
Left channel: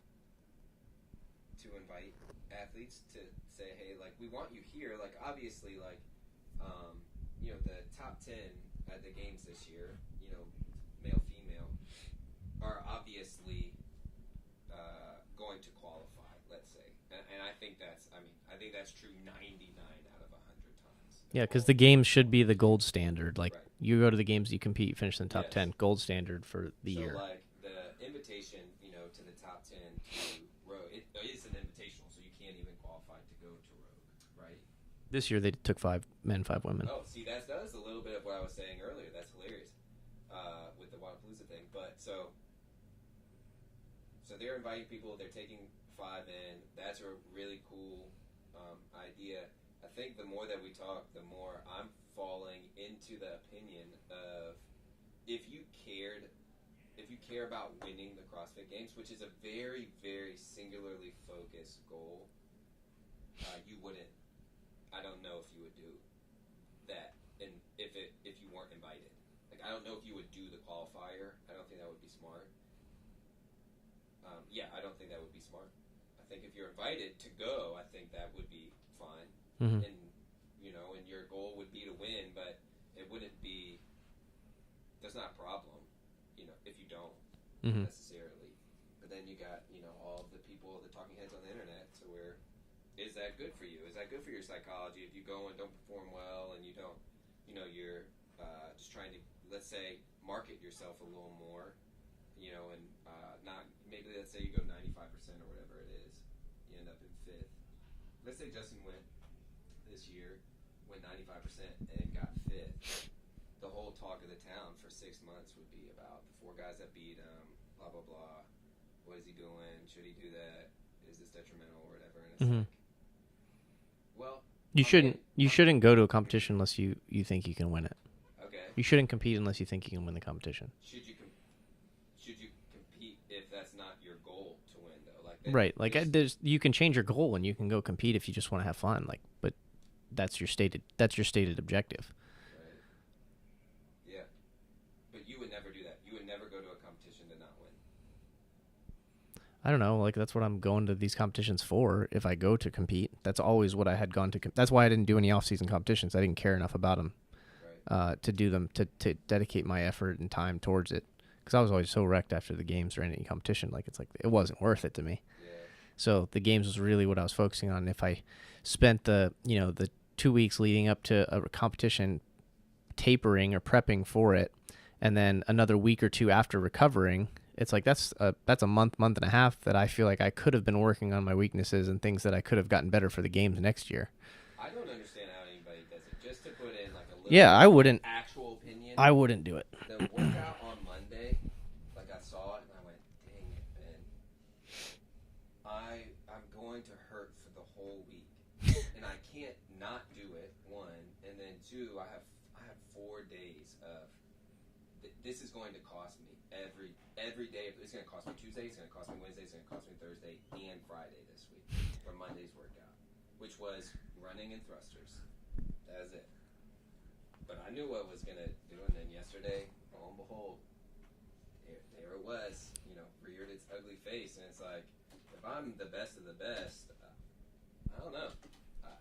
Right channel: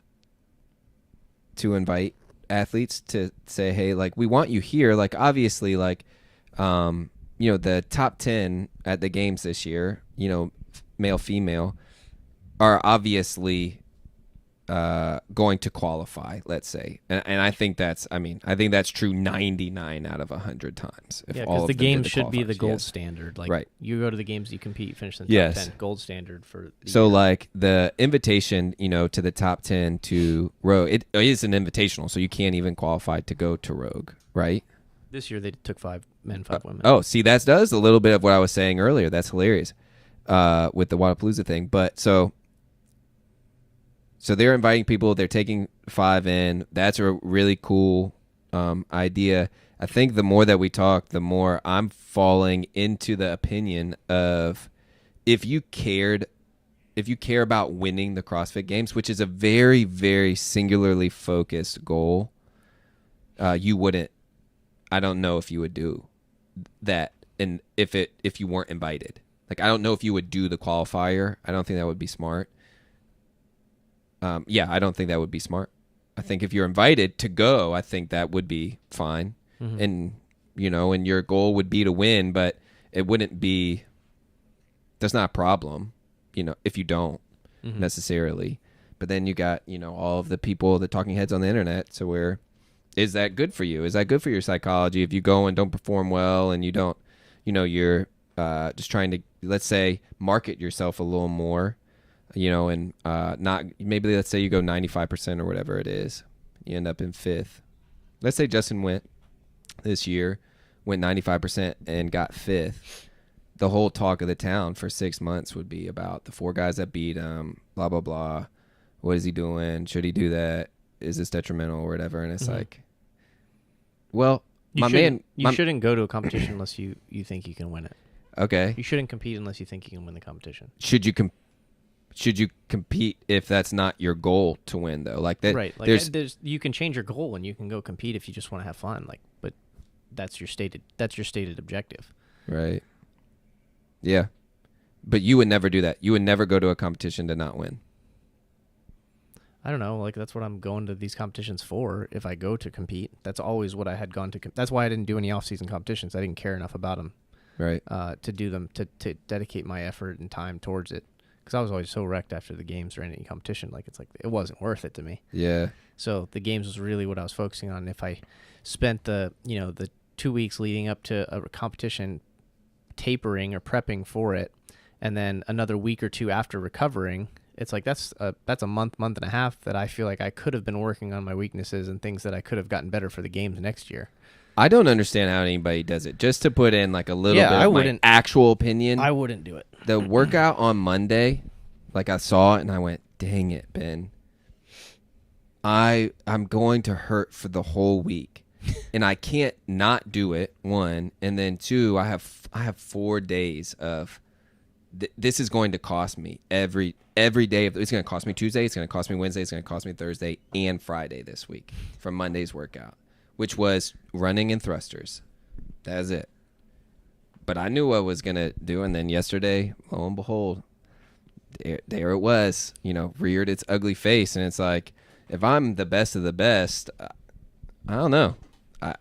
invite athletes to say, hey, like we want you here? Like obviously, like the top 10 at the games this year, male, female, are obviously going to qualify, let's say, and I think that's true 99 out of 100 times. Yeah, because the games should be the gold standard. Like right. You go to the games, you compete, you finish in the top 10, gold standard for the year. Like the invitation, to the top 10 to Rogue, it is an invitational, so you can't even qualify to go to Rogue, right? This year they took 5 men, 5 women. Oh, see, that does a little bit of what I was saying earlier. That's hilarious with the Wadapalooza thing, but so they're inviting people. They're taking 5 in. That's a really cool idea. I think the more that we talk, the more I'm falling into the opinion of if you care about winning the CrossFit Games, which is a very, very singularly focused goal, you wouldn't. I don't know if you would do that, and if you weren't invited. Like I don't know if you would do the qualifier. I don't think that would be smart. I don't think that would be smart. I think if you're invited to go, I think that would be fine. Mm-hmm. And, and your goal would be to win, but it wouldn't be, that's not a problem. if you don't necessarily. But then you got, all of the people, the talking heads on the internet. So where is that good for you? Is that good for your psychology if you go and don't perform well and you don't, you're just trying to, let's say, market yourself a little more, and not maybe let's say you go 95% or whatever it is. You end up in 5th. Let's say Justin went 95% and got 5th. The whole talk of the town for 6 months would be about the 4 guys that beat him, blah, blah, blah. What is he doing? Should he do that? Is this detrimental or whatever? And it's like, well, you shouldn't go to a competition unless you think you can win it. Okay. You shouldn't compete unless you think you can win the competition. Should you compete if that's not your goal to win though? Like that, right? Like you can change your goal and you can go compete if you just want to have fun. Like, but that's your stated objective. Right. Yeah. But you would never do that. You would never go to a competition to not win. I don't know. Like, that's what I'm going to these competitions for. If I go to compete, that's always what I had gone to. That's why I didn't do any off-season competitions. I didn't care enough about them, right? To do them, to dedicate my effort and time towards it. Because I was always so wrecked after the games or any competition. Like, it wasn't worth it to me. Yeah. So the games was really what I was focusing on. If I spent the 2 weeks leading up to a competition tapering or prepping for it, and then another week or two after recovering, it's like that's a month and a half that I feel like I could have been working on my weaknesses and things that I could have gotten better for the games next year. I don't understand how anybody does it. Just to put in like a little bit I of wouldn't, my actual opinion. I wouldn't do it. The workout on Monday, like I saw it and I went, dang it, Ben. I'm going to hurt for the whole week. And I can't not do it, 1. And then 2, I have 4 days of this is going to cost me every day. It's going to cost me Tuesday. It's going to cost me Wednesday. It's going to cost me Thursday and Friday this week from Monday's workout, which was running and thrusters. That's it. But I knew what I was going to do. And then yesterday, lo and behold, there it was, reared its ugly face. And it's like, if I'm the best of the best, I don't know.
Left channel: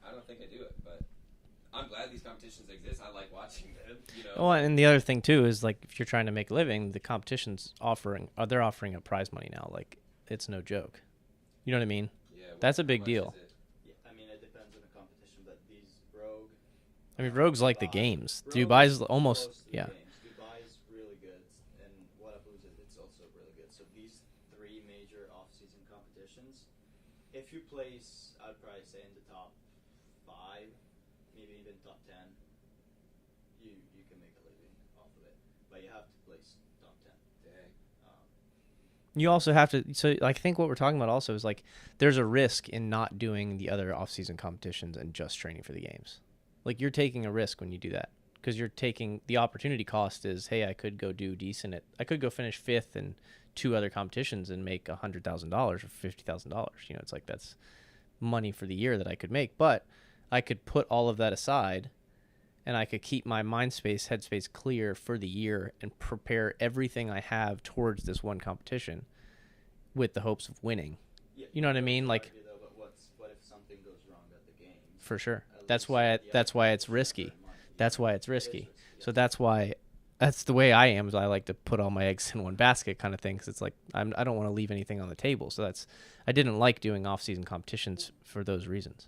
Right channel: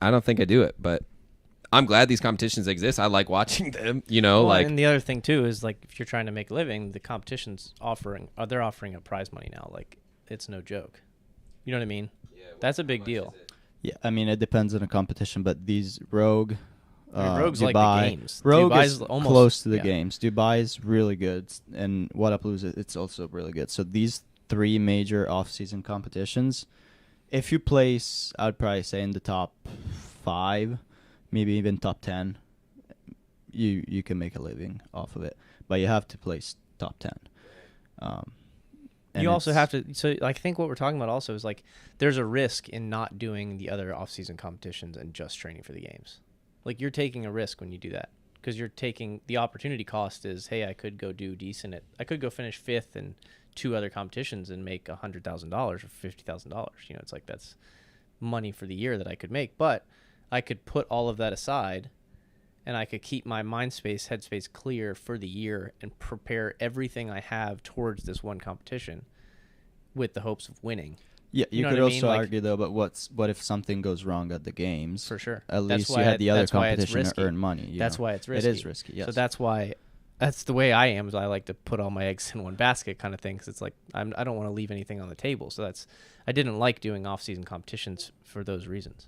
I don't think I do it, but I'm glad these competitions exist. I like watching them, Well, and the other thing too is like if you're trying to make a living, the competition's offering a prize money now. Like it's no joke. You know what I mean? Yeah, that's a big deal. Yeah, I mean it depends on the competition, but these Rogue, Rogue's Dubai, like the games. Rogue Dubai's is almost close to the games. Dubai is really good, and Wadapalooza it's also really good. So these 3 major off-season competitions, if you place, I would probably say in the top 5. Maybe even top 10, you can make a living off of it, but you have to place top 10. You also have to. So I think what we're talking about also is like there's a risk in not doing the other off-season competitions and just training for the games. Like you're taking a risk when you do that because you're taking the opportunity cost is, hey, I could go do decent I could go finish 5th in 2 other competitions and make $100,000 or $50,000. It's like that's money for the year that I could make, but I could put all of that aside and I could keep my headspace clear for the year and prepare everything I have towards this one competition with the hopes of winning. Yeah, you know what I mean? Like, argue though, but what if something goes wrong at the games? For sure. At least you have the other competition to earn money. That's why it's risky. It is risky, yes. So that's the way I am. Is I like to put all my eggs in one basket kind of thing. Because it's like I don't want to leave anything on the table. So I didn't like doing off-season competitions for those reasons.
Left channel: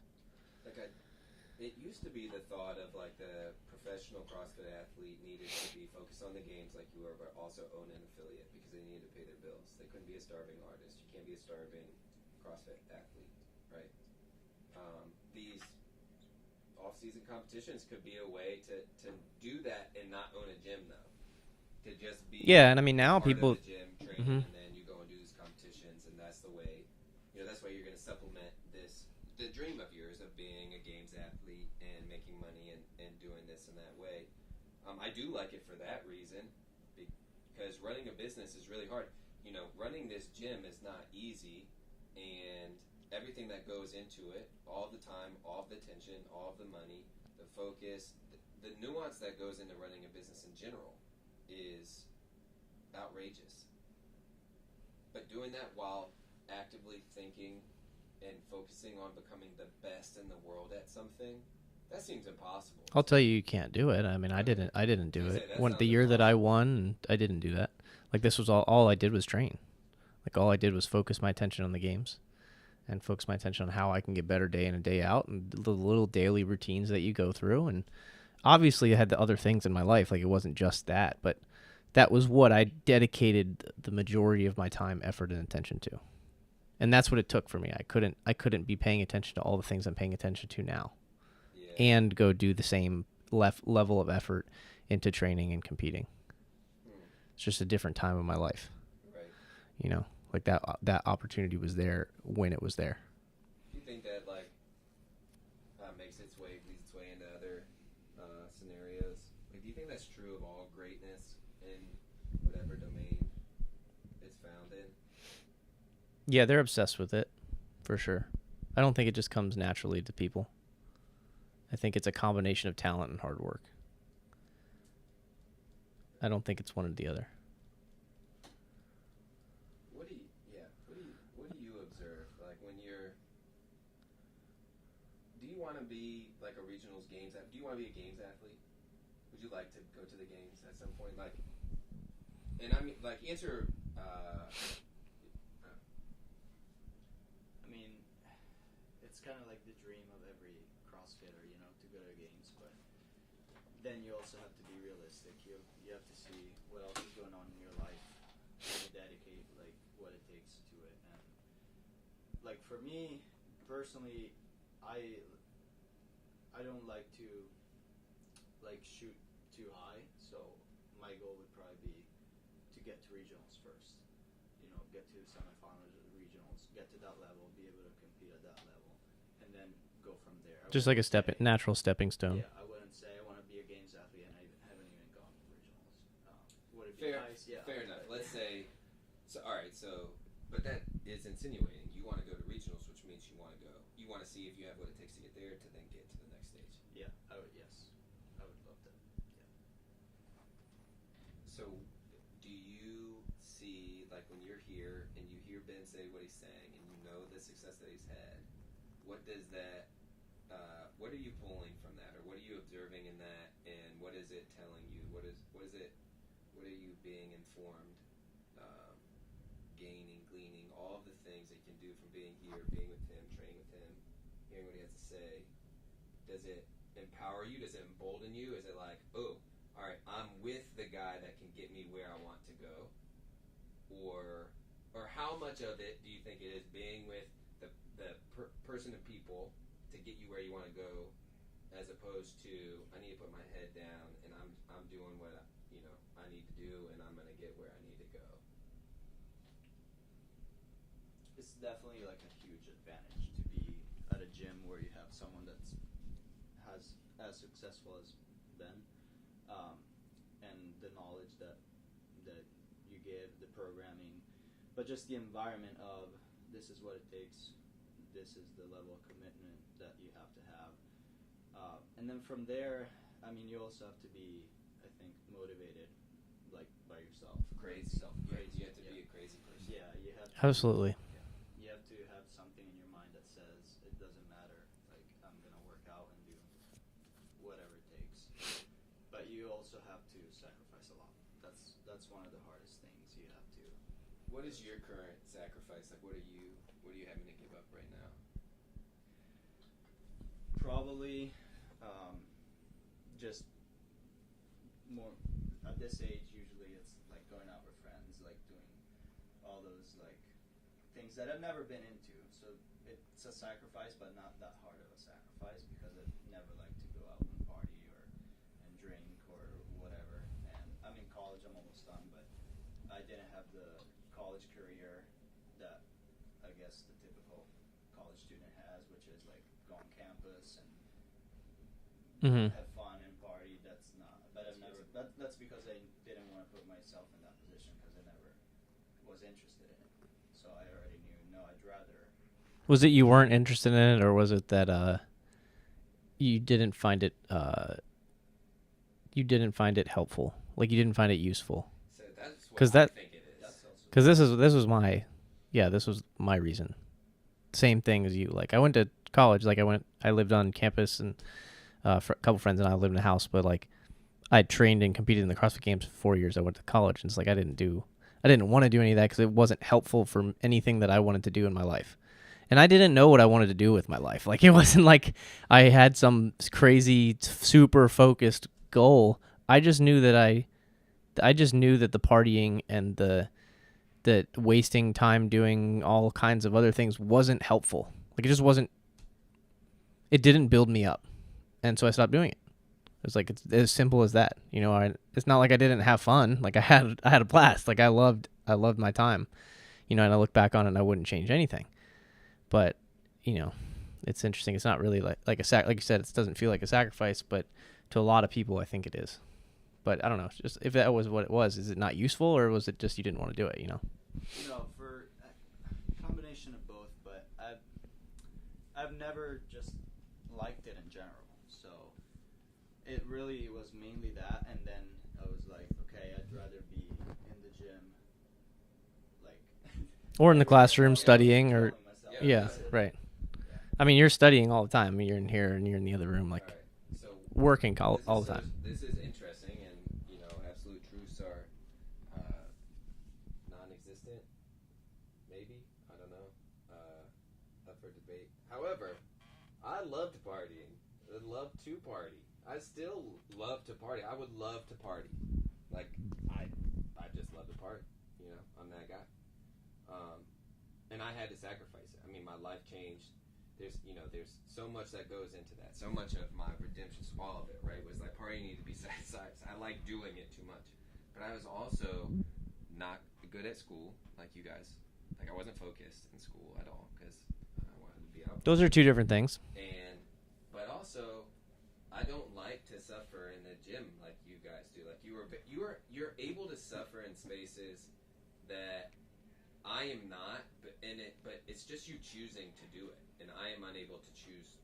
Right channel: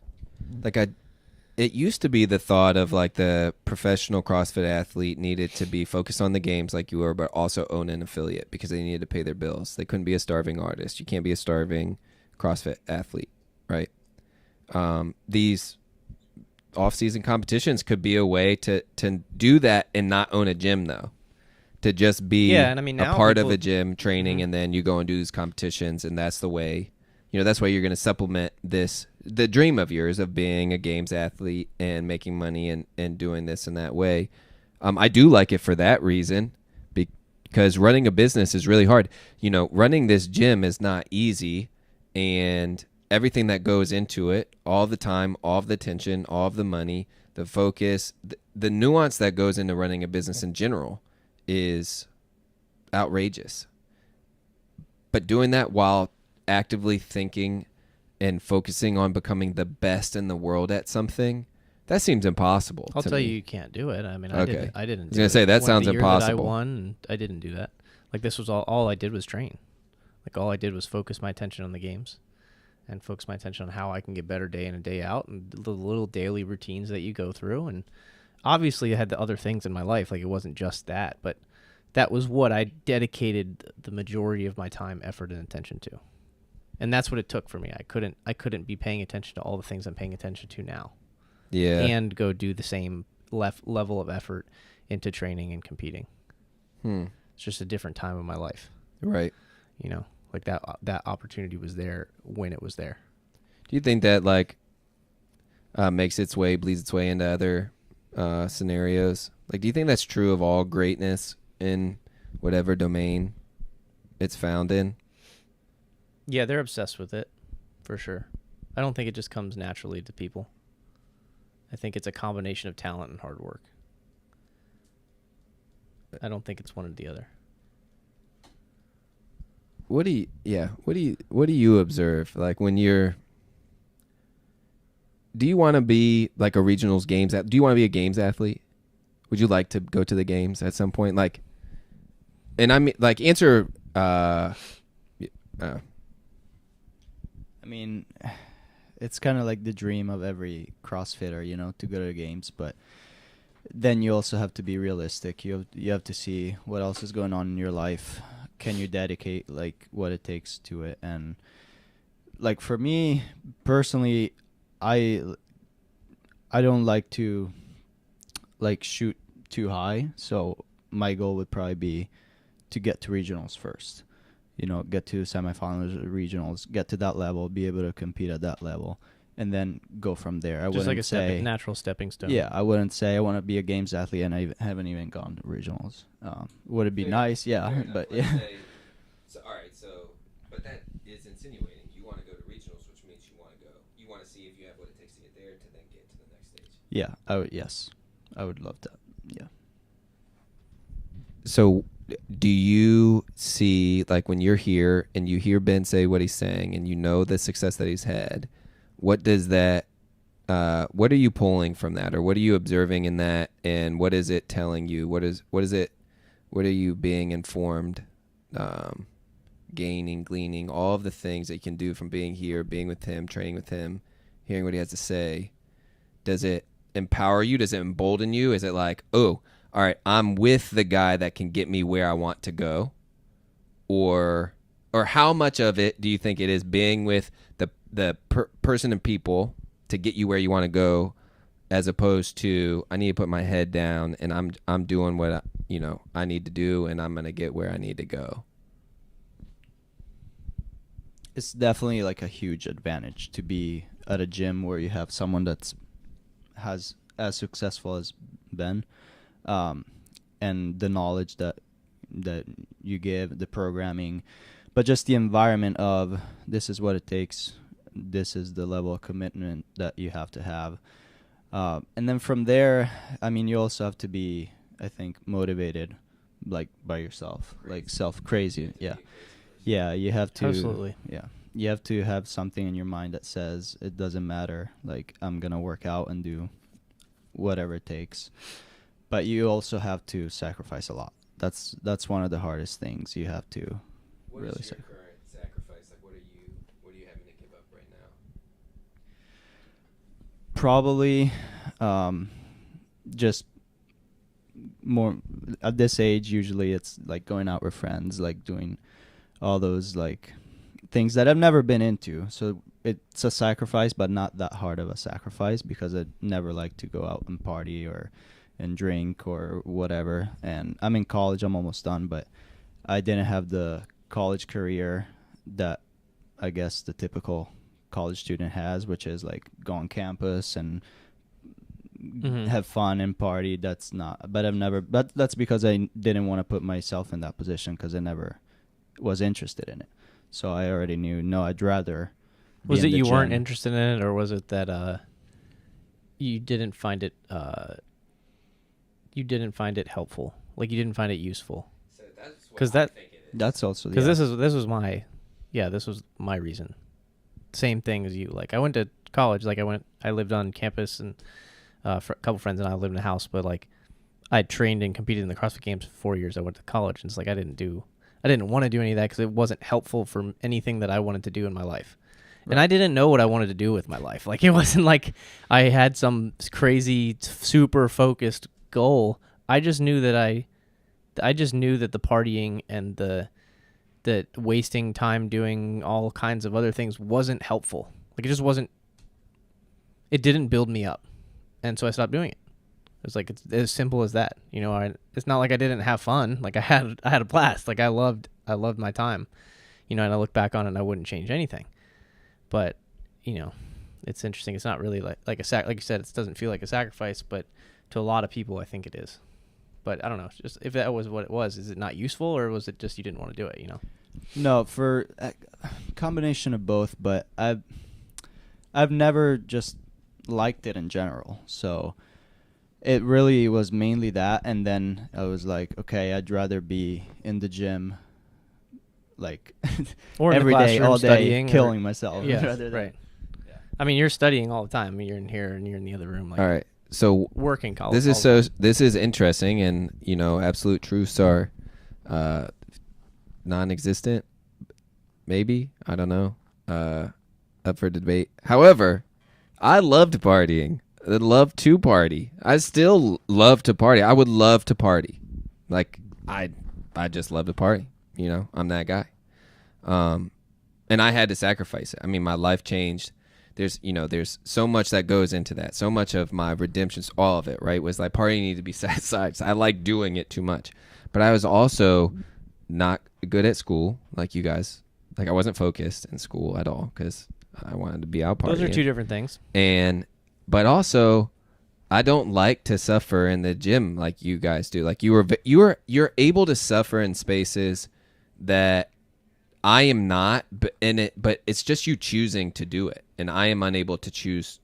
It used to be the thought of like the professional CrossFit athlete needed to be focused on the games like you were, but also own an affiliate because they needed to pay their bills. They couldn't be a starving artist. You can't be a starving CrossFit athlete, right? These off-season competitions could be a way to do that and not own a gym though. To just be and I mean, now a part of a gym training and then you go and do these competitions and that's the way, that's why you're going to supplement the dream of yours of being a games athlete and making money and doing this in that way. I do like it for that reason because running a business is really hard. Running this gym is not easy and everything that goes into it, all the time, all of the attention, all of the money, the focus, the nuance that goes into running a business in general is outrageous. But doing that while actively thinking and focusing on becoming the best in the world at something, that seems impossible. I'll tell you can't do it. I mean, I didn't do it. Say that sounds the year impossible. that I won, I didn't do that. Like this was all I did was train. Like all I did was focus my attention on the games and focus my attention on how I can get better day in and day out and the little daily routines that you go through. And obviously I had the other things in my life. Like it wasn't just that, but that was what I dedicated the majority of my time, effort, and attention to. And that's what it took for me. I couldn't be paying attention to all the things I'm paying attention to now. Yeah. And go do the same level of effort into training and competing. It's just a different time of my life. Right. You know, like that opportunity was there when it was there. Do you think that like bleeds its way into other scenarios? Like, do you think that's true of all greatness in whatever domain it's found in? Yeah, they're obsessed with it, for sure. I don't think it just comes naturally to people. I think it's a combination of talent and hard work. I don't think it's one or the other. What do you observe? Like when do you want to be like a regionals games? Do you want to be a games athlete? Would you like to go to the games at some point? Like, and I mean, like answer, I mean, it's kind of like the dream of every CrossFitter, you know, to go to the games. But then you also have to be realistic. You have to see what else is going on in your life. Can you dedicate like what it takes to it? And like for me personally, I don't like to like shoot too high. So my goal would probably be to get to regionals first. You know, get to semifinals, regionals, get to that level, be able to compete at that level, and then go from there. Just like a natural stepping stone. Yeah, I wouldn't say I want to be a games athlete and I haven't even gone to regionals. Would it be nice? Yeah, but Let's yeah. say, but that is insinuating you want to go to regionals, which means you want to go. You want to see if you have what it takes to get there to then get to the next stage. Yeah, I would love that. Yeah. So do you see, like when you're here and you hear Ben say what he's saying and you know the success that he's had, what does that, what are you pulling from that, or what are you observing in that, and what is it telling you? What are you being informed, gaining, gleaning, all of the things that you can do from being here, being with him, training with him, hearing what he has to say? Does it empower you? Does it embolden you? Is it like, oh, all right, I'm with the guy that can get me where I want to go? Or how much of it do you think it is being with the person and people to get you where you want to go, as opposed to I need to put my head down and I'm doing what I need to do and I'm going to get where I need to go? It's definitely like a huge advantage to be at a gym where you have someone that's as successful as Ben, and the knowledge that you give, the programming, but just the environment of this is what it takes, this is the level of commitment that you have to have, and then from there, I mean, you also have to be, I think, motivated, like by yourself, like crazy. Yeah, you have to. Absolutely. Yeah, you have to have something in your mind that says it doesn't matter. Like I'm gonna work out and do whatever it takes. But you also have to sacrifice a lot. That's one of the hardest things you have to. What really is your current sacrifice? Like, what are you having to give up right now? Probably, just more at this age. Usually, it's like going out with friends, like doing all those like things that I've never been into. So it's a sacrifice, but not that hard of a sacrifice because I never like to go out and party and drink or whatever. And I'm in college, I'm almost done, but I didn't have the college career that I guess the typical college student has, which is like go on campus and have fun and party. That's because I didn't want to put myself in that position because I never was interested in it. So I already knew, no, I'd rather. Was it you weren't interested in it, or was it that you didn't find it helpful? Like you didn't find it useful? Because that's also because this was my reason. Same thing as you. Like I went to college. Like I lived on campus, and for a couple friends and I lived in a house. But like I trained and competed in the CrossFit Games for 4 years. I went to college, and it's like I didn't do I didn't want to do any of that because it wasn't helpful for anything that I wanted to do in my life. And I didn't know what I wanted to do with my life. Like, it wasn't like I had some crazy, super focused goal. I just knew that the partying and the wasting time doing all kinds of other things wasn't helpful. Like, it just wasn't. It didn't build me up, and so I stopped doing it. It's like, it's as simple as that. You know, it's not like I didn't have fun. Like, I had a blast. Like, I loved my time. You know, and I look back on it and I wouldn't change anything. But, you know, it's interesting. It's not really like like you said, it doesn't feel like a sacrifice, but to a lot of people, I think it is. But I don't know. It's just, if that was what it was, is it not useful, or was it just you didn't want to do it? You know? No, for a combination of both. But I've never just liked it in general. So it really was mainly that, and then I was like, okay, I'd rather be in the gym, like, or in the every day, classroom all day, killing, killing myself. Yeah, right. I mean, you're studying all the time. I mean, you're in here and you're in the other room. Like, All right. So working college. this is interesting, and you know, absolute truths are non-existent. Maybe, I don't know. Up for debate. However, I loved partying. I love to party. I still love to party. I would love to party. Like, I just love to party. You know, I'm that guy. And I had to sacrifice it. I mean, my life changed. There's so much that goes into that. So much of my redemptions, all of it, right, was like partying needed to be set aside. I like doing it too much. But I was also not good at school like you guys. Like, I wasn't focused in school at all because I wanted to be out partying. Those are two different things. But also, I don't like to suffer in the gym like you guys do. Like, you're able to suffer in spaces that I am not, but it's just you choosing to do it, and I am unable to choose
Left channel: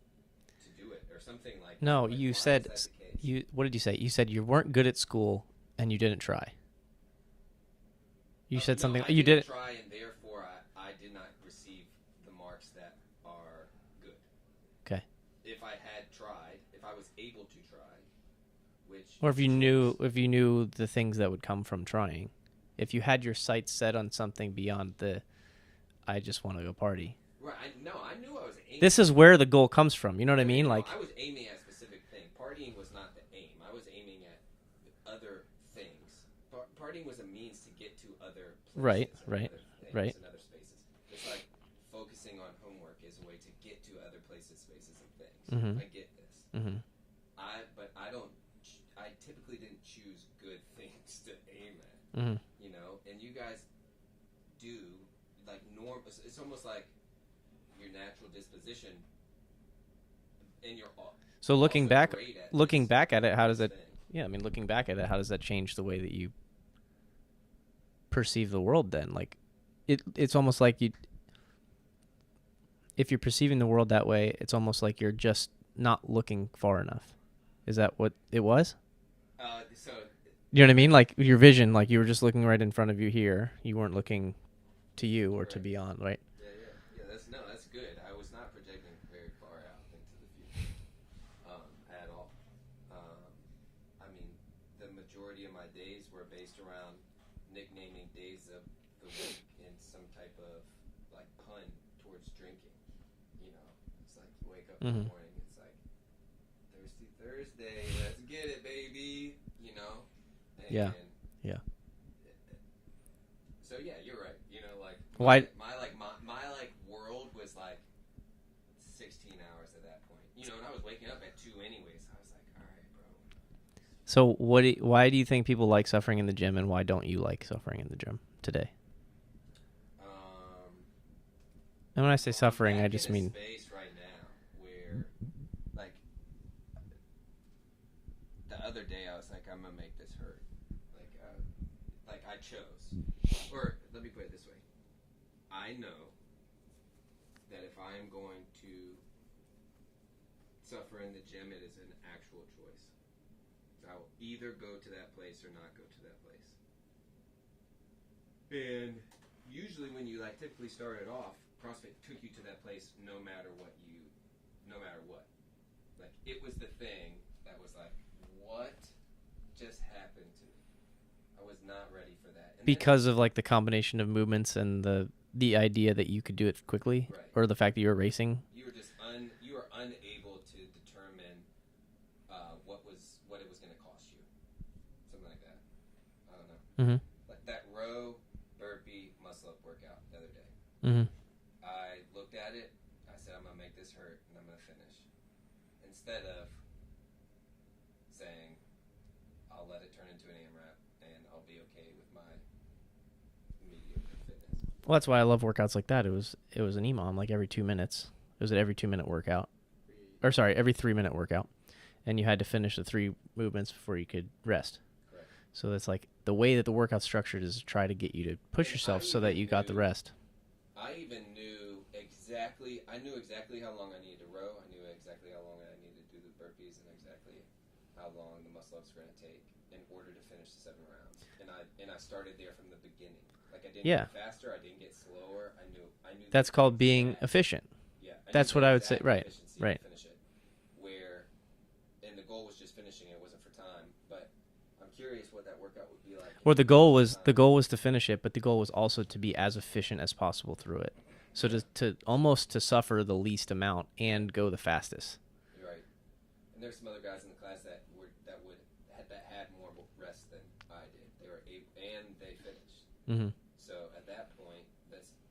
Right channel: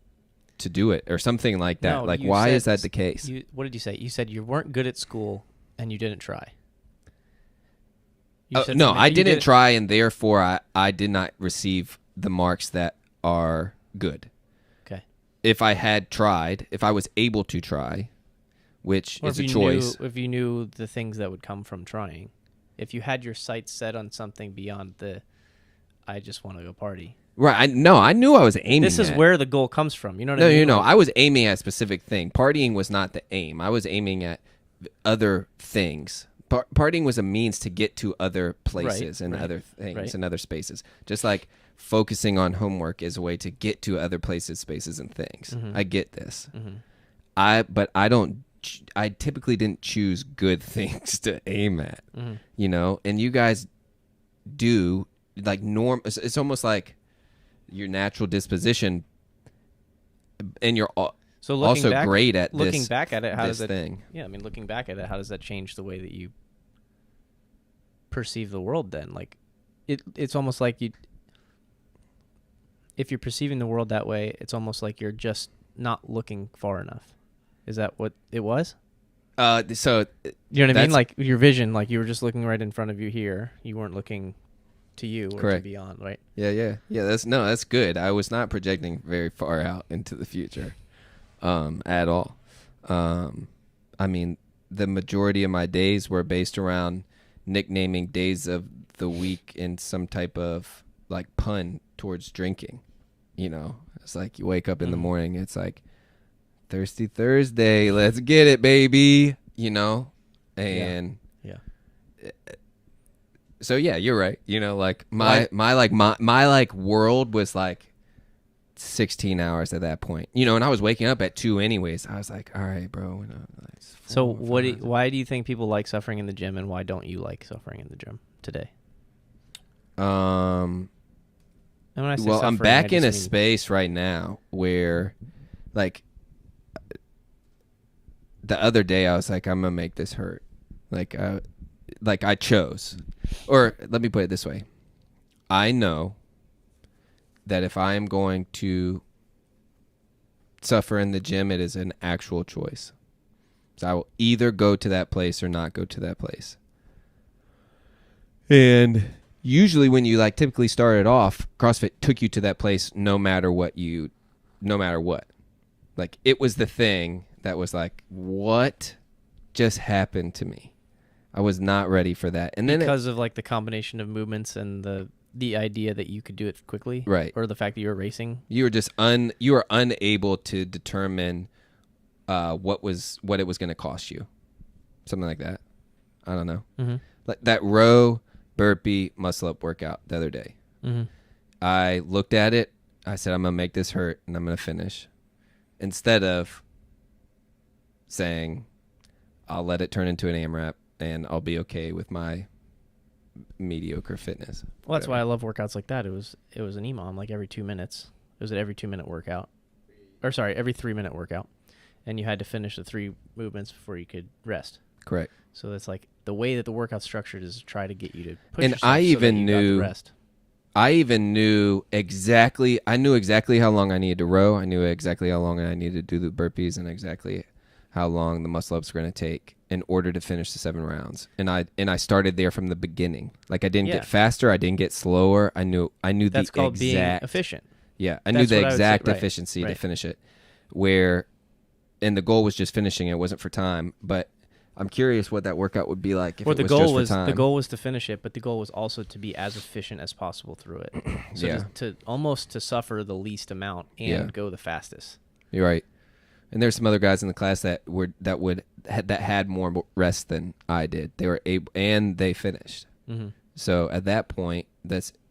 to do it, or something like that. No, like, why is that the case? What did you say? You said you weren't good at school and you didn't try. You said no, something- I you didn't try, and therefore I did not receive the marks that are good. Okay. If I had tried, if I was able to try, which Or is if a you choice. if you knew the things that would come from trying, if you had your sights set on something beyond I just want to go party. Right. I knew I was aiming. This is at. where the goal comes from. You know what I mean? No. Like, I was aiming at a specific thing. Partying was not the aim. I was aiming at other things. Partying was a means to get to other places and other things and other spaces. Just like focusing on homework is a way to get to other places, spaces, and things. Mm-hmm. I get this. Mm-hmm. But I don't. I typically didn't choose good things to aim at. Mm-hmm. You know, and you guys do, like, it's almost like your natural disposition, and you're so looking also back, great at looking this, back at it. How does that? thing. Yeah, I mean, looking back at it, how does that change the way that you perceive the world? Then, like, it's almost like if you're perceiving the world that way, it's almost like you're just not looking far enough. Is that what it was? So you know what I mean? Like, your vision, like you were just looking right in front of you here. You weren't looking to you or correct. to beyond, right? Yeah. That's good. I was not projecting very far out into the future, at all. I mean, the majority of my days were based around nicknaming days of the week in some type of, like, pun towards drinking. You know, it's like you wake up in the morning, it's like, Thirsty Thursday, let's get it, baby. You know, and yeah. So yeah, you're right. You know, like my world was like 16 hours at that point. You know, and I was waking up at 2 anyways. I was like, all right, bro. So why do you think people like suffering in the gym, and why don't you like suffering in the gym today? And when I say well, suffering, I'm back in a space right now where, like, the other day I was like, I'm gonna make this hurt. Like I chose, or let me put it this way: I know that if I am going to suffer in the gym, it is an actual choice. So I will either go to that place or not go to that place. And usually when you, like, typically started off, CrossFit took you to that place no matter what. Like, it was the thing that was like, what just happened to me? I was not ready for that. And then because of like the combination of movements and the idea that you could do it quickly, right, or the fact that you were racing. You were just you were unable to determine what it was going to cost you, something like that. I don't know. Mm-hmm. Like that row burpee muscle up workout the other day. Mm-hmm. I looked at it. I said, I'm gonna make this hurt and I'm gonna finish, instead of saying, I'll let it turn into an AMRAP and I'll be okay with my mediocre fitness. Well, that's why I love workouts like that. It was an EMOM like every 2 minutes. It was an every 2 minute workout, or sorry, every 3 minute workout, and you had to finish the 3 movements before you could rest. Correct. So that's like the way that the workout's structured is to try to get you to push And yourself I so that even you got the knew- rest. I even knew exactly. I knew exactly how long I needed to row. I knew exactly how long I needed to do the burpees, and exactly how long the muscle ups were going to take in order to finish the 7 rounds. And I started there from the beginning. Like I didn't Yeah. get faster. I didn't get slower. I knew. That's the called being exact- efficient. Yeah, I That's knew what the I would say, exact right, efficiency to right. finish it. And the goal was just finishing. It wasn't for time. But I'm curious what that workout would be like. If Well, it the was goal just for was time. to finish it, but the goal was also to be as efficient as possible through it. So Yeah. to almost to suffer the least amount and Yeah. go the fastest. You're right. And there's some other guys in the class that had more rest than I did. They were able, and they finished. Mm-hmm. So at that point,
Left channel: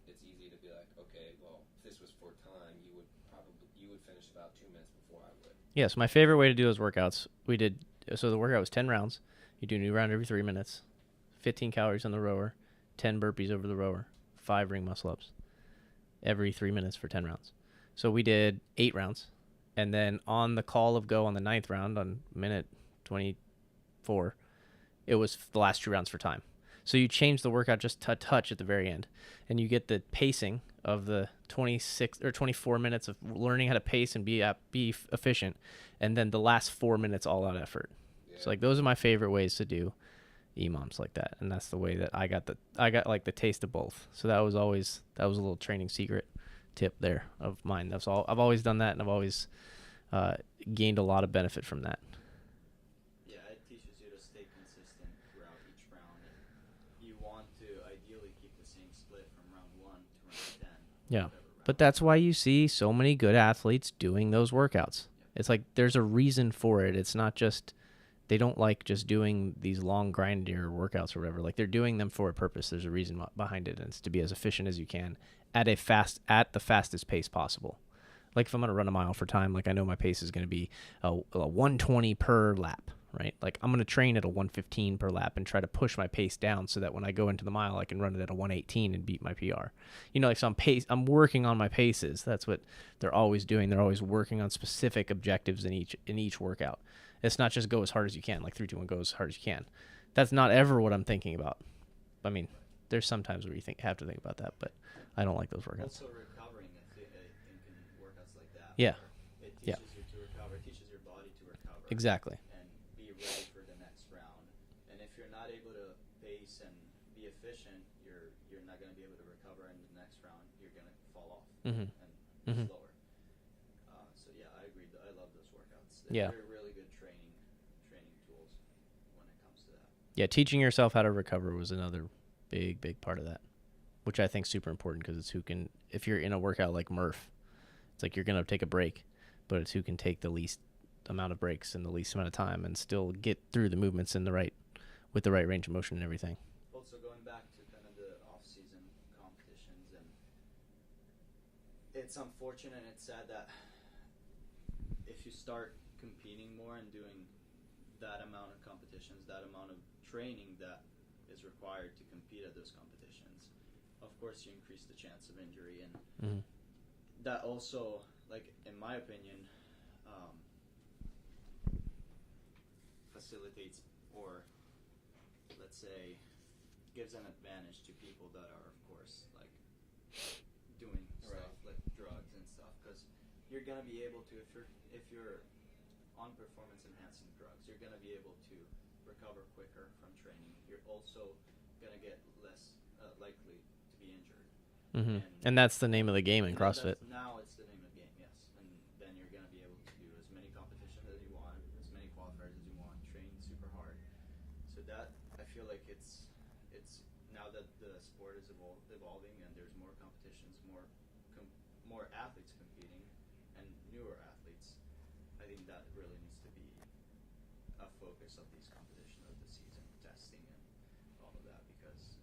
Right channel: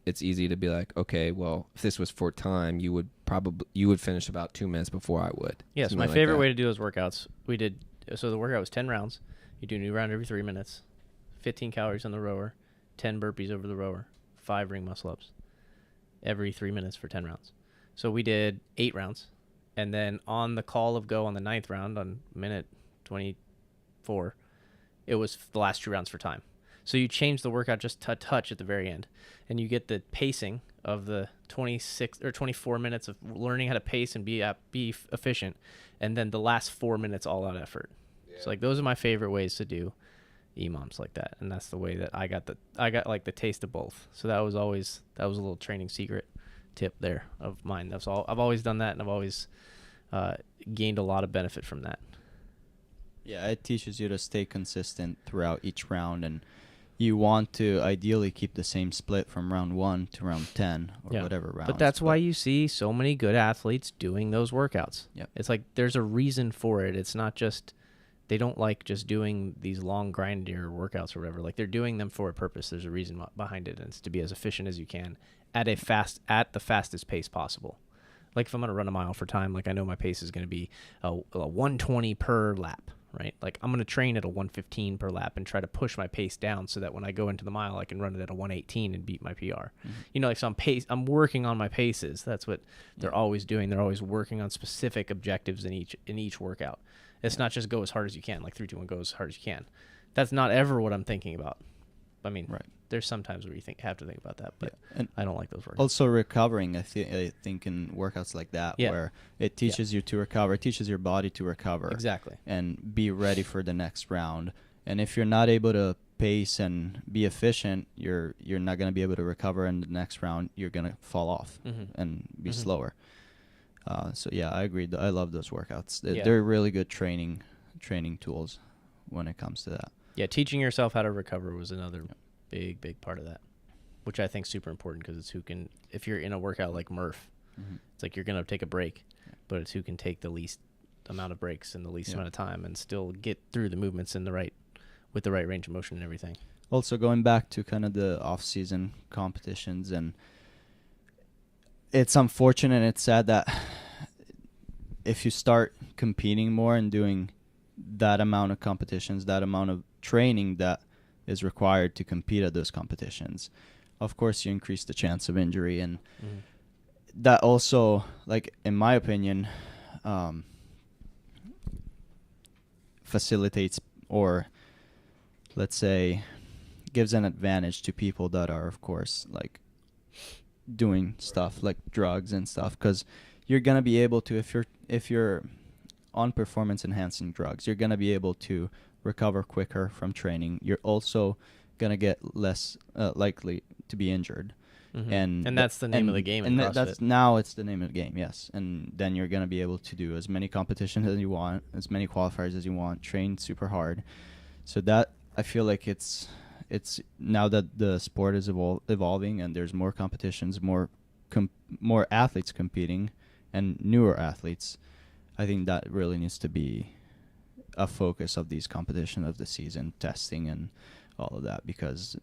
it's easy to be like, okay, well, if this was for time, you would finish about 2 minutes before I would. Yes, my favorite way to do those workouts. So the workout was 10 rounds. You do a new round every 3 minutes, 15 calories on the rower, 10 burpees over the rower, 5 ring muscle ups every 3 minutes for 10 rounds. So we did 8 rounds. And then on the call of go on the 9th round, on minute 24, it was the last 2 rounds for time. So you change the workout just a touch at the very end, and you get the pacing of the 26 or 24 minutes of learning how to pace and be efficient, and then the last 4 minutes all out effort. Yeah. So like those are my favorite ways to do EMOMs like that, and that's the way that I got like the taste of both. So that was a little training secret tip there of mine. That's all. I've always done that, and I've always gained a lot of benefit from that. Yeah, it teaches you to stay consistent throughout each round, and you want to ideally keep the same split from round 1 to round 10 or whatever round. But that's why you see so many good athletes doing those workouts. Yep. It's like there's a reason for it. It's not just they don't like just doing these long grindier workouts or whatever. Like they're doing them for a purpose. There's a reason behind it, and it's to be as efficient as you can at the fastest pace possible. Like if I'm going to run a mile for time, like I know my pace is going to be a 120 per lap, right? Like I'm going to train at a 115 per lap and try to push my pace down so that when I go into the mile, I can run it at a 118 and beat my PR. Mm-hmm. You know, like so I'm working on my paces. That's what they're always doing. They're always working on specific objectives in each workout. It's not just go as hard as you can, like 3, 2, 1, go as hard as you can. That's not ever what I'm thinking about. I mean, right. There's some times where you have to think about that, but I don't like those workouts. Also recovering, I think in workouts like that, where it teaches you to recover, it teaches your body to recover. Exactly. And be ready for the next round. And if you're not able to pace and be efficient, you're not going to be able to recover in the next round. You're going to fall off and be slower. So yeah, I agree. I love those workouts. They're really good training tools when it comes to that. Yeah, teaching yourself how to recover was another big part of that, which I think is super important because it's if you're in a workout like Murph, it's like you're going to take a break, but it's who can take the least amount of breaks in the least amount of time and still get through the movements with the right range of motion and everything. Also going back to kind of the off-season competitions, and it's unfortunate and it's sad that if you start competing more and doing that amount of competitions, that amount of training that is required to compete at those competitions, of course you increase the chance of injury, and that also, like in my opinion, facilitates, or let's say gives an advantage to people that are, of course, like doing stuff like drugs and stuff, because you're gonna be able to, if you're on performance enhancing drugs, you're gonna be able to recover quicker from training. You're also gonna get less likely to be injured. And that's the name of the game in CrossFit. Now it's the name of the game, yes. And then you're gonna be able to do as many competitions as you want, as many qualifiers as you want, train super hard. So that, I feel like it's now that the sport is evolving and there's more competitions, more athletes competing, and newer athletes. I think that really needs to be a focus of these competition of the season, testing and all of that, because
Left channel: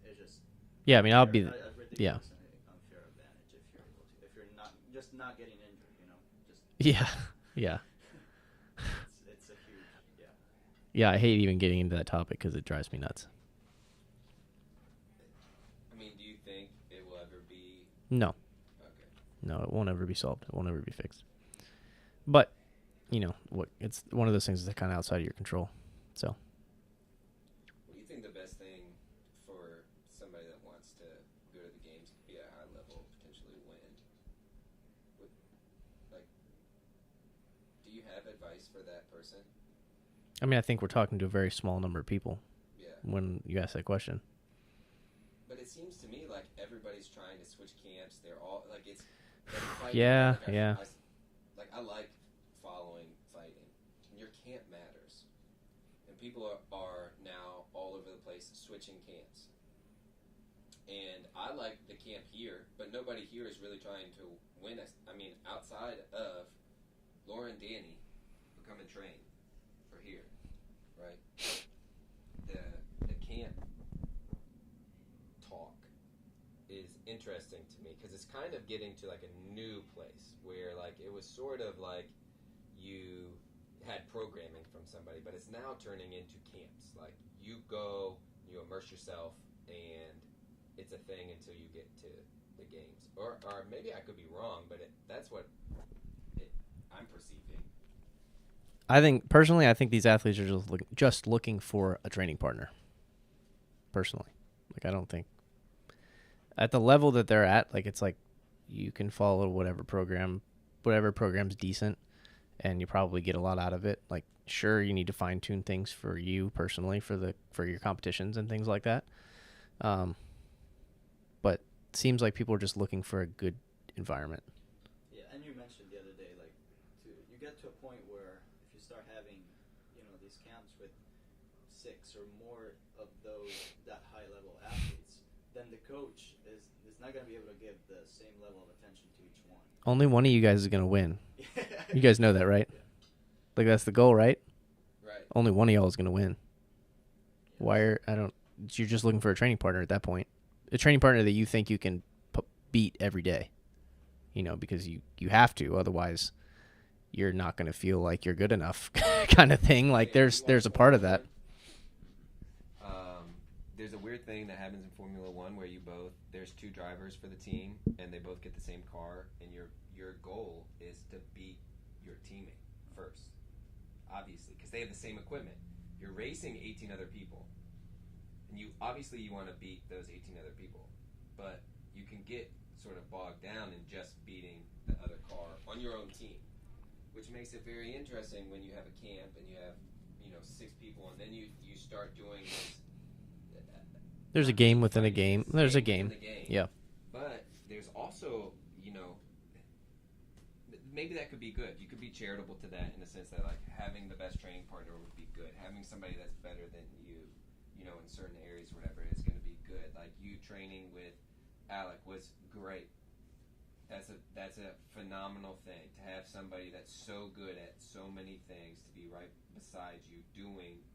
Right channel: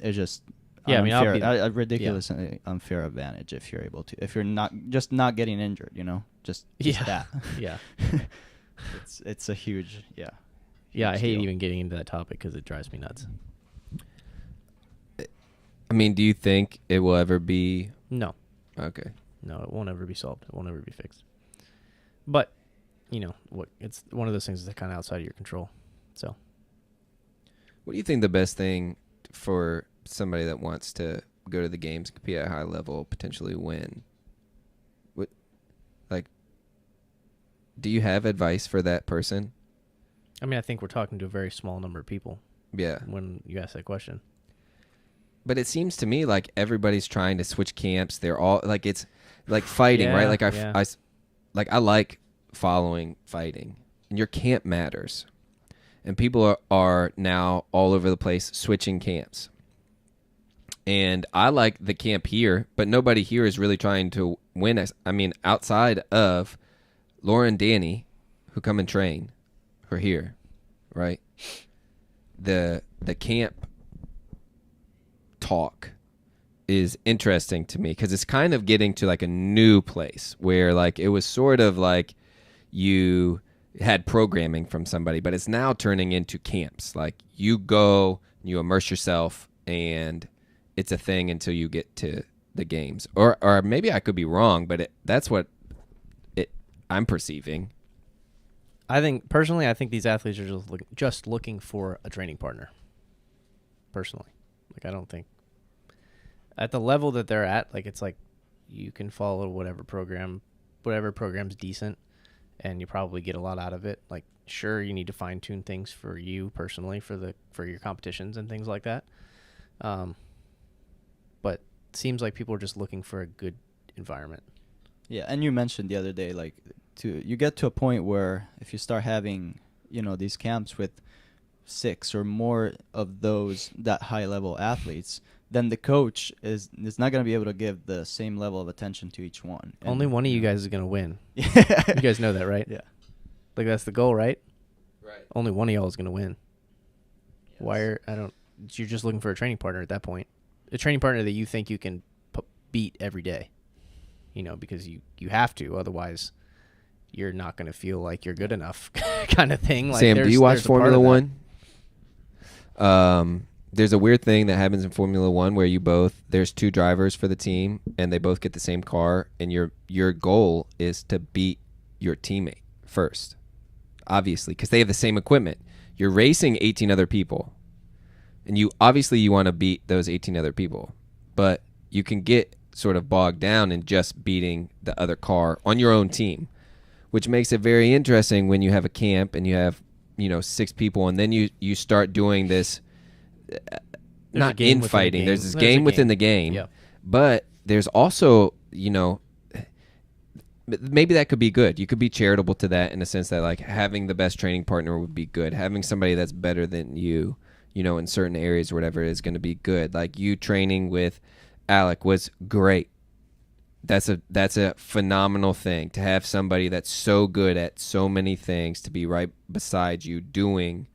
it's just Yeah, I mean, I'll be a ridiculous unfair advantage if you're able to, if you're not getting injured, just that. Yeah. It's a huge Yeah, I hate even getting into that topic because it drives me nuts. I mean, do you think it will ever be? No. Okay. No, it won't ever be solved. It won't ever be fixed. But, it's one of those things that's kind of outside of your control. So. What do you think the best thing for somebody that wants to go to the games, compete at a high level, potentially win? Do you have advice for that person? I mean, I think we're talking to a very small number of people. Yeah. When you ask that question. But it seems to me like everybody's trying to switch camps. They're all like, it's like fighting, right? Like I like following fighting, and your camp matters. And people are now all over the place switching camps. And I like the camp here, but nobody here is really trying to win. I mean, outside of Laura and Danny, who come and train, who are here, right? The camp talk is interesting to me because it's kind of getting to like a new place where like it was sort of like you had programming from somebody, but it's now turning into camps. Like you go, you immerse yourself, and it's a thing until you get to the games. Or maybe I could be wrong, but that's what I'm perceiving. I think these athletes are just looking for a training partner. Personally, like I don't think at the level that they're at, like it's like you can follow whatever program's decent, and you probably get a lot out of it. Like sure, you need to fine tune things for you personally for your competitions and things like that. But it seems like people are just looking for a good environment. Yeah, and you mentioned the other day, like, you get to a point where if you start having, these camps with 6 or more of that high level athletes, then the coach is not going to be able to give the same level of attention to each one. Only one of you guys is going to win. You guys know that, right? Yeah. Like that's the goal, right? Right. Only one of y'all is going to win. Yes. You're just looking for a training partner at that point. A training partner that you think you can beat every day. Because you have to, otherwise you're not going to feel like you're good enough kind of thing. Like Sam, do you watch Formula One? That. There's a weird thing that happens in Formula One where there's 2 drivers for the team and they both get the same car, and your goal is to beat your teammate first, obviously, because they have the same equipment. You're racing 18 other people, and you want to beat those 18 other people, but you can get sort of bogged down in just beating the other car on your own team, which makes it very interesting when you have a camp and you have 6 people, and then you start doing this. There's not a game within fighting. a game. There's this game within the game. Yeah. But there's also maybe that could be good. You could be charitable to that in the sense that like having the best training partner would be good. Having somebody that's better than you, in certain areas or whatever is going to be good. Like you training with Alec was great. That's a phenomenal thing to have somebody that's so good at so many things to be right beside you doing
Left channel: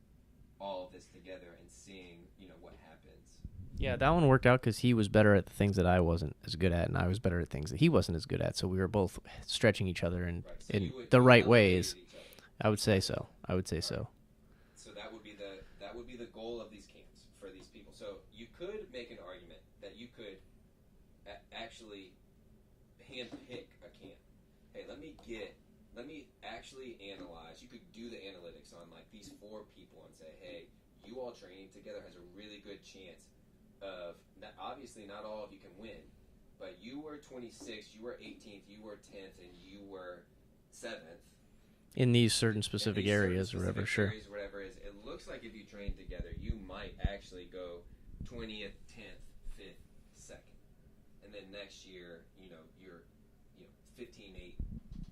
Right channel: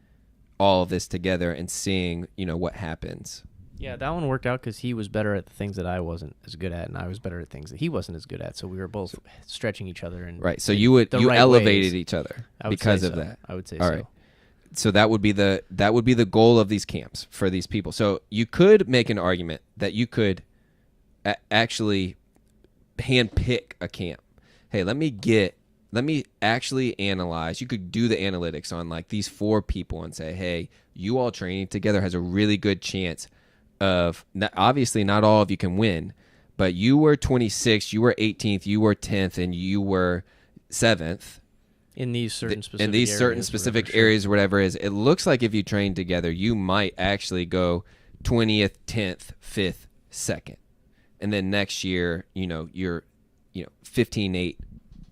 all of this together and seeing, what happens. Yeah, that one worked out because he was better at the things that I wasn't as good at, and I was better at things that he wasn't as good at. So we were both stretching each other. And right. So you elevated each other because of that. I would say all so. Right. So that would be the goal of these camps for these people. So you could make an argument that you could actually handpick a camp. Hey, let me actually analyze. You could do the analytics on like these 4 people and say, hey, you all training together has a really good chance of, obviously not all of you can win, but you were 26th, you were 18th, you were 10th, and you were 7th. In these certain specific areas, or whatever it is, it looks like if you train together, you might actually go 20th, 10th, 5th, 2nd. And then next year, you're 15-8,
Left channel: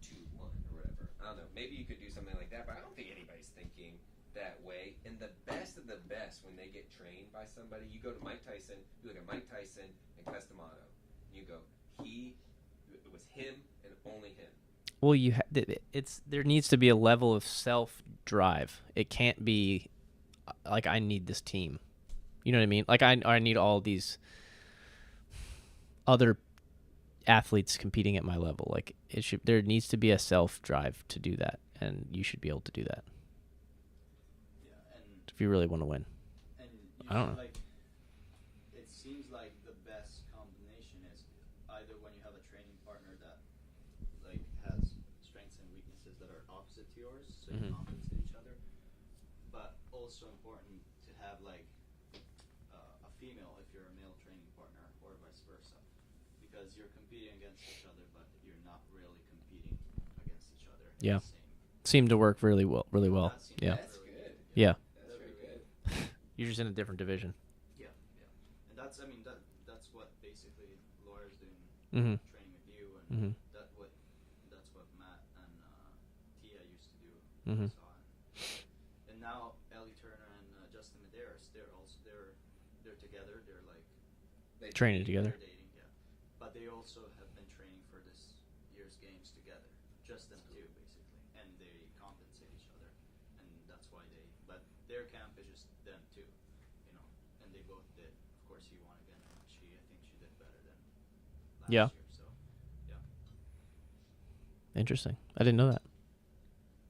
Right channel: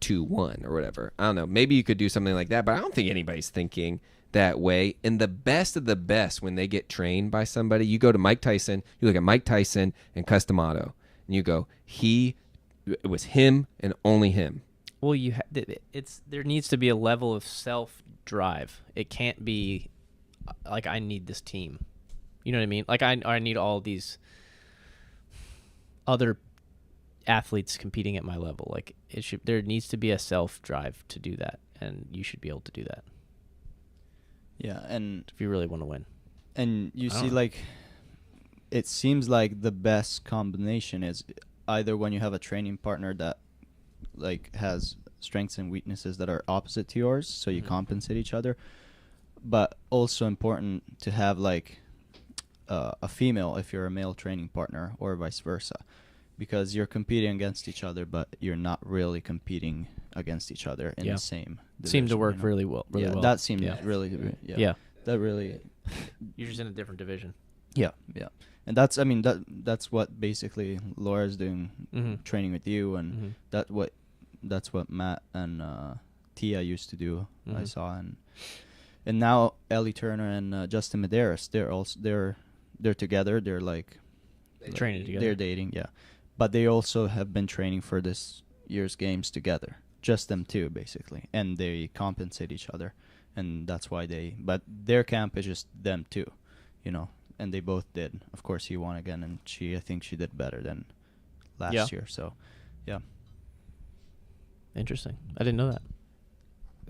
2-1 or whatever. I don't know. Maybe you could do something like that, but I don't think anybody's thinking that way. And the best of the best, when they get trained by somebody, you go to Mike Tyson, you look at Mike Tyson and Customato, and you go, it was him and only him. Well, there needs to be a level of self-drive. It can't be like, I need this team. You know what I mean? Like, I need all these other athletes competing at my level. Like, there needs to be a self-drive to do that, and you should be able to do that. Yeah, and if you really want to win. And you see, like, it seems like the best combination is either when you have a training partner that, like, has strengths and weaknesses that are opposite to yours, so you compensate each other, but also important to have, like, a female if you're a male training partner, or vice versa, because you're competing against each other, but you're not really competing against each other in the same division. Seemed to work really well. That seemed really good. That really. You're just in a different division. Yeah. And that's what basically Laura's doing, training with you, and that's what Matt and Tia used to do. I saw, and now Ellie Turner and Justin Medeiros, they're together. They're like training together. They're dating, yeah, but they also have been training for this year's games together. Just them two, basically, and they compensate each other, and that's why but their camp is just them two, you know. And they both did. Of course, he won again, and I think she did better than last year. So, yeah. Interesting. I didn't know that.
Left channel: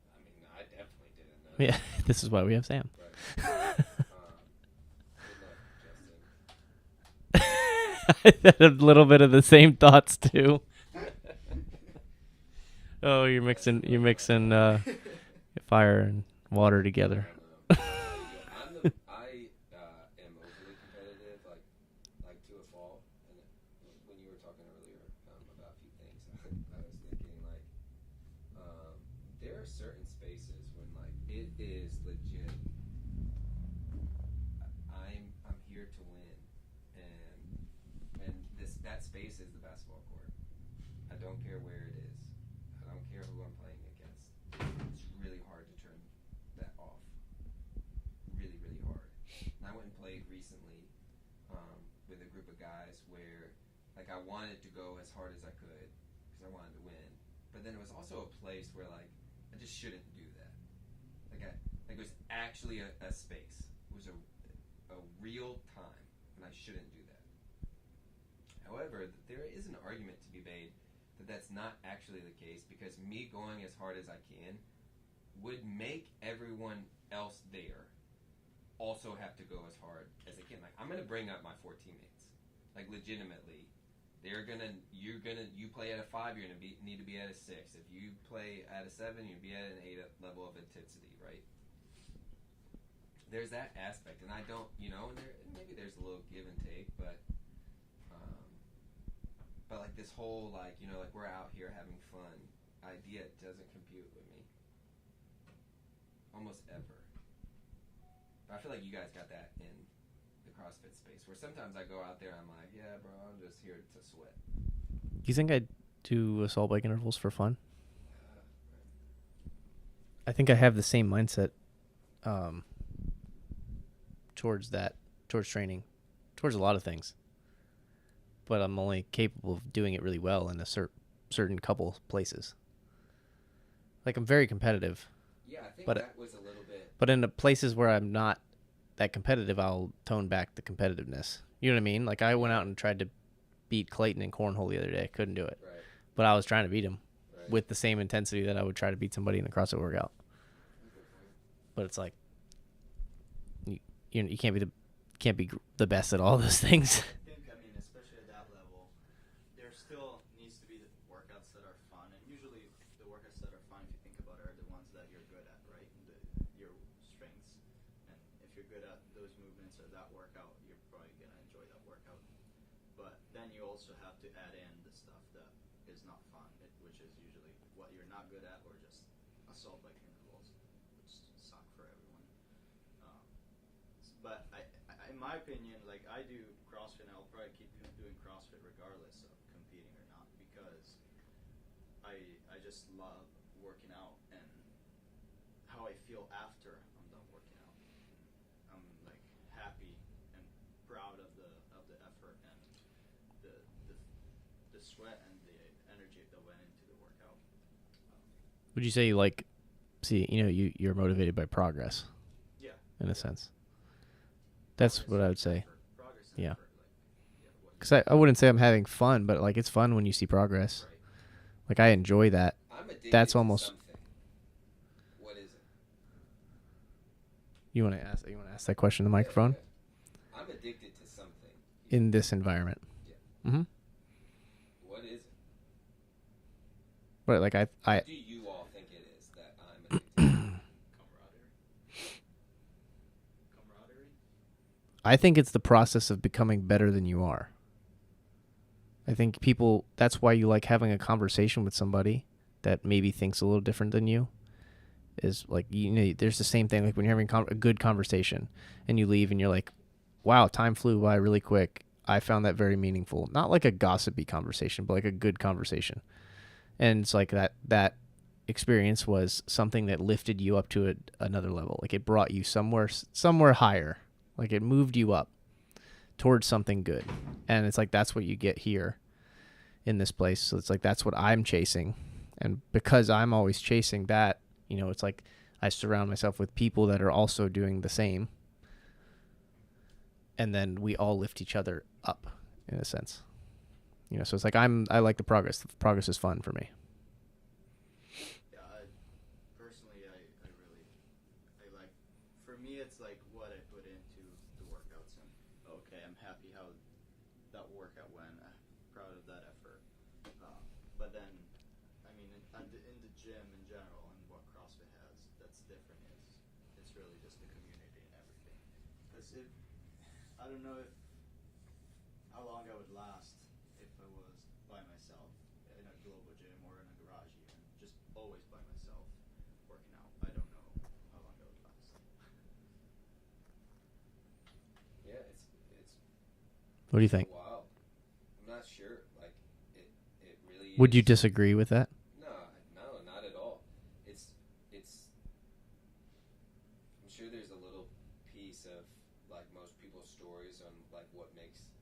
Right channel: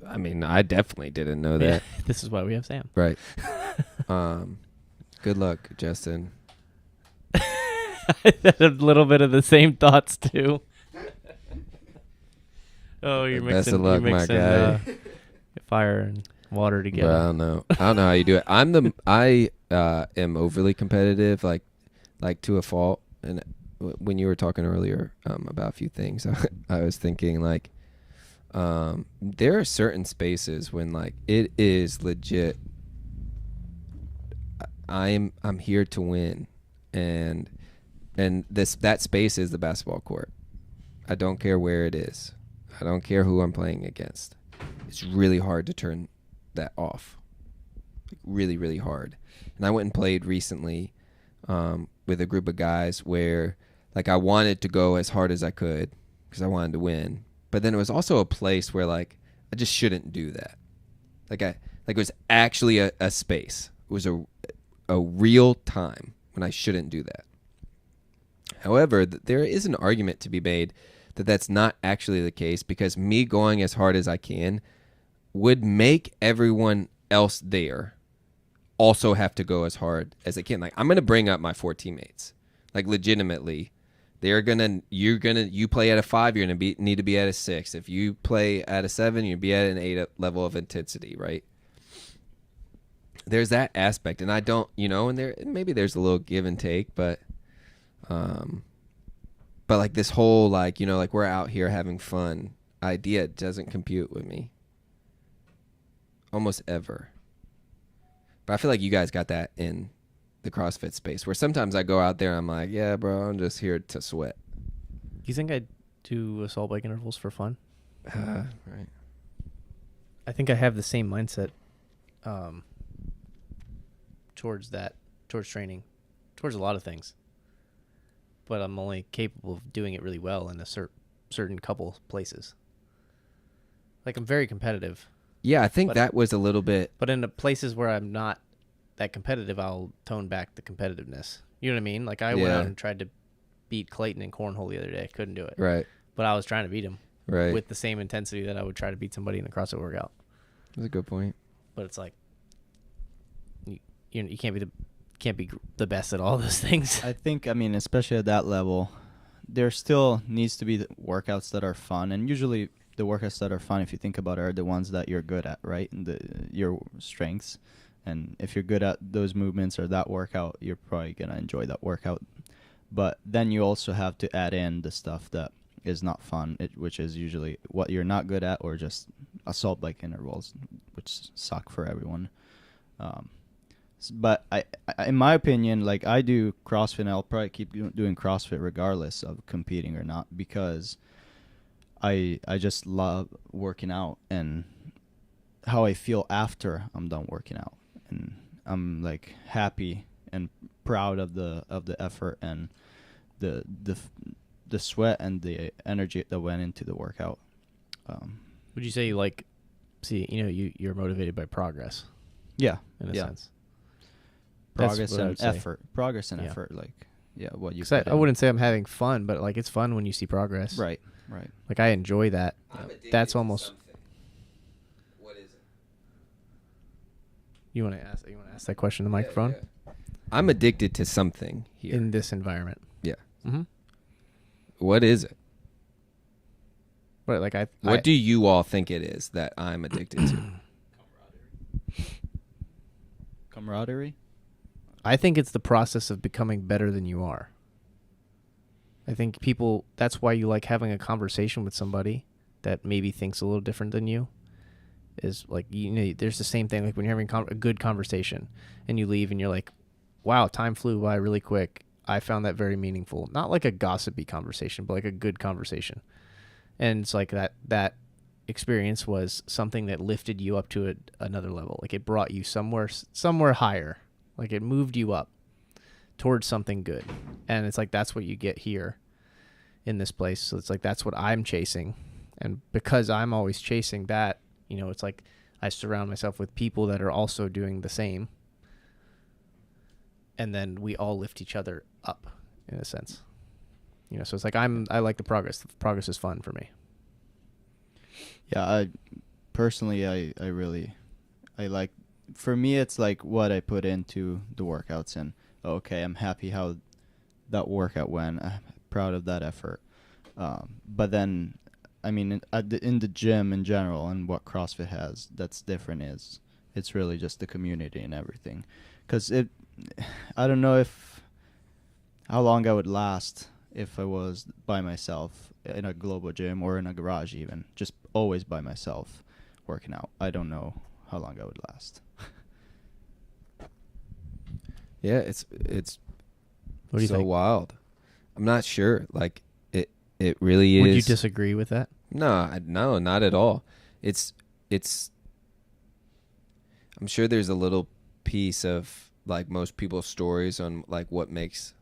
I mean, I definitely didn't know that. This is why we have Sam. Right. Good luck, Justin. I had a little bit of the same thoughts too. Oh, you're mixing fire and water together. Well, I don't know how you do it. I am overly competitive, like to a fault. And when you were talking earlier about a few things, I was thinking, like, there are certain spaces when, like, it is legit. I'm here to win, and that space is the basketball court. I don't care where it is. I don't care who I'm playing against. It's really hard to turn that off. Really, really hard. And I went and played recently with a group of guys where, like, I wanted to go as hard as I could because I wanted to win. But then it was also a place where, like, I just shouldn't do that. Like, it was actually a space. It was a real time when I shouldn't do that. However, there is an argument to be made that that's not actually the case, because me going as hard as I can would make everyone else there also have to go as hard as they can. Like, I'm going to bring up my 4 teammates. Like, legitimately, you play at a 5, you're going to need to be at a 6. If you play at a 7, you'll be at an 8 level of intensity, right? There's that aspect, and I don't, and maybe there's a little give and take, but like, this whole, like, like, we're out here having fun idea doesn't compute with me almost ever. But I feel like you guys got that in the CrossFit space, where sometimes I go out there and I'm like, yeah, bro, I'm just here to sweat. Do you think I do assault bike intervals for fun? Right. I think I have the same mindset towards training, towards a lot of things. But I'm only capable of doing it really well in a certain couple places. Like, I'm very competitive. Yeah, I think that was a little bit. But in the places where I'm not that competitive, I'll tone back the competitiveness. You know what I mean? Like, I went out and tried to beat Clayton in cornhole the other day. I couldn't do it. Right. But I was trying to beat him. Right. With the same intensity that I would try to beat somebody in the CrossFit workout. That's a good point. But it's like, you can't be the best at all those things. I think, especially at that level, there still needs to be the workouts that are fun, and usually the workouts that are fun, if you think about it, are the ones that you're good at, right? And your strengths. And if you're good at those movements or that workout, you're probably going to enjoy that workout. But then you also have to add in the stuff that is not fun, which is usually what you're not good at, or just assault bike intervals, which suck for everyone. But in my opinion, like, I do CrossFit, and I'll probably keep doing CrossFit regardless of competing or not, because I just love working out, and how I feel after I'm done working out, and I'm like happy and proud of the effort and the sweat and the energy that went into the workout. Would you say you like see you're motivated by progress Yeah, in a yeah. sense? Progress That's what I would and say. effort. Progress and Yeah. effort. Like, yeah, what you. 'Cause put I in. wouldn't say I'm having fun, but like it's fun when you see progress. Right. Like I enjoy that. I'm addicted That's to almost. something. What is it? You want to ask that question in the microphone Yeah. I'm addicted to something here. in this environment. Yeah. Mm-hmm. What is it? But like What do you all think it is that I'm addicted to? Camaraderie. I think it's the process of becoming better than you are. I think that's why you like having a conversation with somebody that maybe thinks a little different than you. Is like, there's the same thing. Like when you're having a good conversation and you leave and you're like, wow, time flew by really quick. I found that very meaningful. Not like a gossipy conversation, but like a good conversation. And it's like that experience was something that lifted you up to another level. Like it brought you somewhere higher. Like it moved you up towards something good. And it's like that's what you get here in this place. So it's like that's what I'm chasing. And because I'm always chasing that, it's like I surround myself with people that are also doing the same. And then we all lift each other up in a sense. So it's like I like the progress. The progress is fun for me. Yeah, I really like, for me it's like what I put into the workouts, and okay, I'm happy how that workout went. I'm proud of that effort. But then, I mean, in the gym in general and what CrossFit has that's different is it's really just the community and everything. Because I don't know how long I would last if I was by myself in a global gym or in a garage, even just always by myself working out. I don't know how long I would last. Yeah, it's What do you so think? wild. I'm not sure. Like it really is. Would you disagree with that? No, not at all. It's I'm sure there's a little piece of like most people's stories on like what makes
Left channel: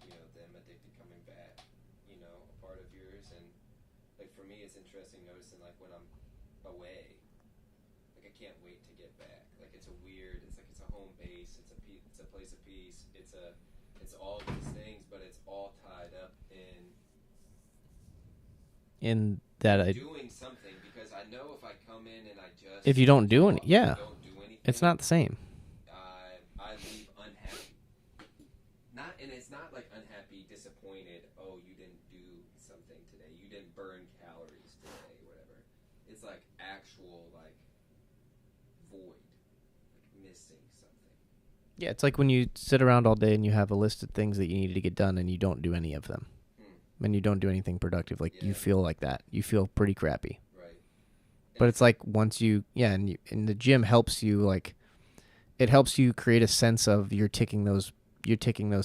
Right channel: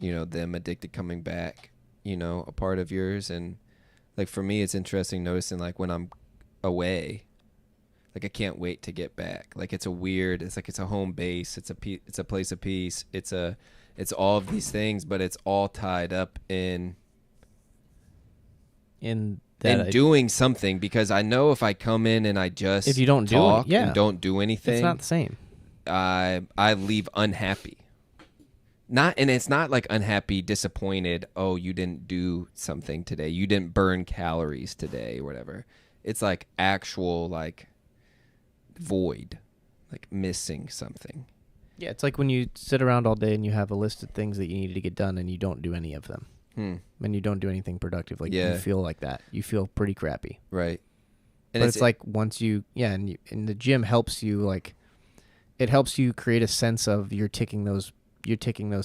them addicted coming back, a part of yours. And like for me it's interesting noticing like when I'm away, like I can't wait to get back. Like it's a home base, it's a place of peace, it's all of these things, but it's all tied up in doing something, because I know if I come in and I just if you don't do it, and don't do anything, it's not the same. I leave unhappy. And it's not like unhappy, disappointed. Oh, you didn't do something today. You didn't burn calories today or whatever. It's like actual like void, like missing something. Yeah, it's like when you sit around all day and you have a list of things that you need to get done and you don't do any of them. And you don't do anything productive. Like you feel like that. You feel pretty crappy. Right. And but it's like once and the gym helps you, like it helps you create a sense of you're ticking those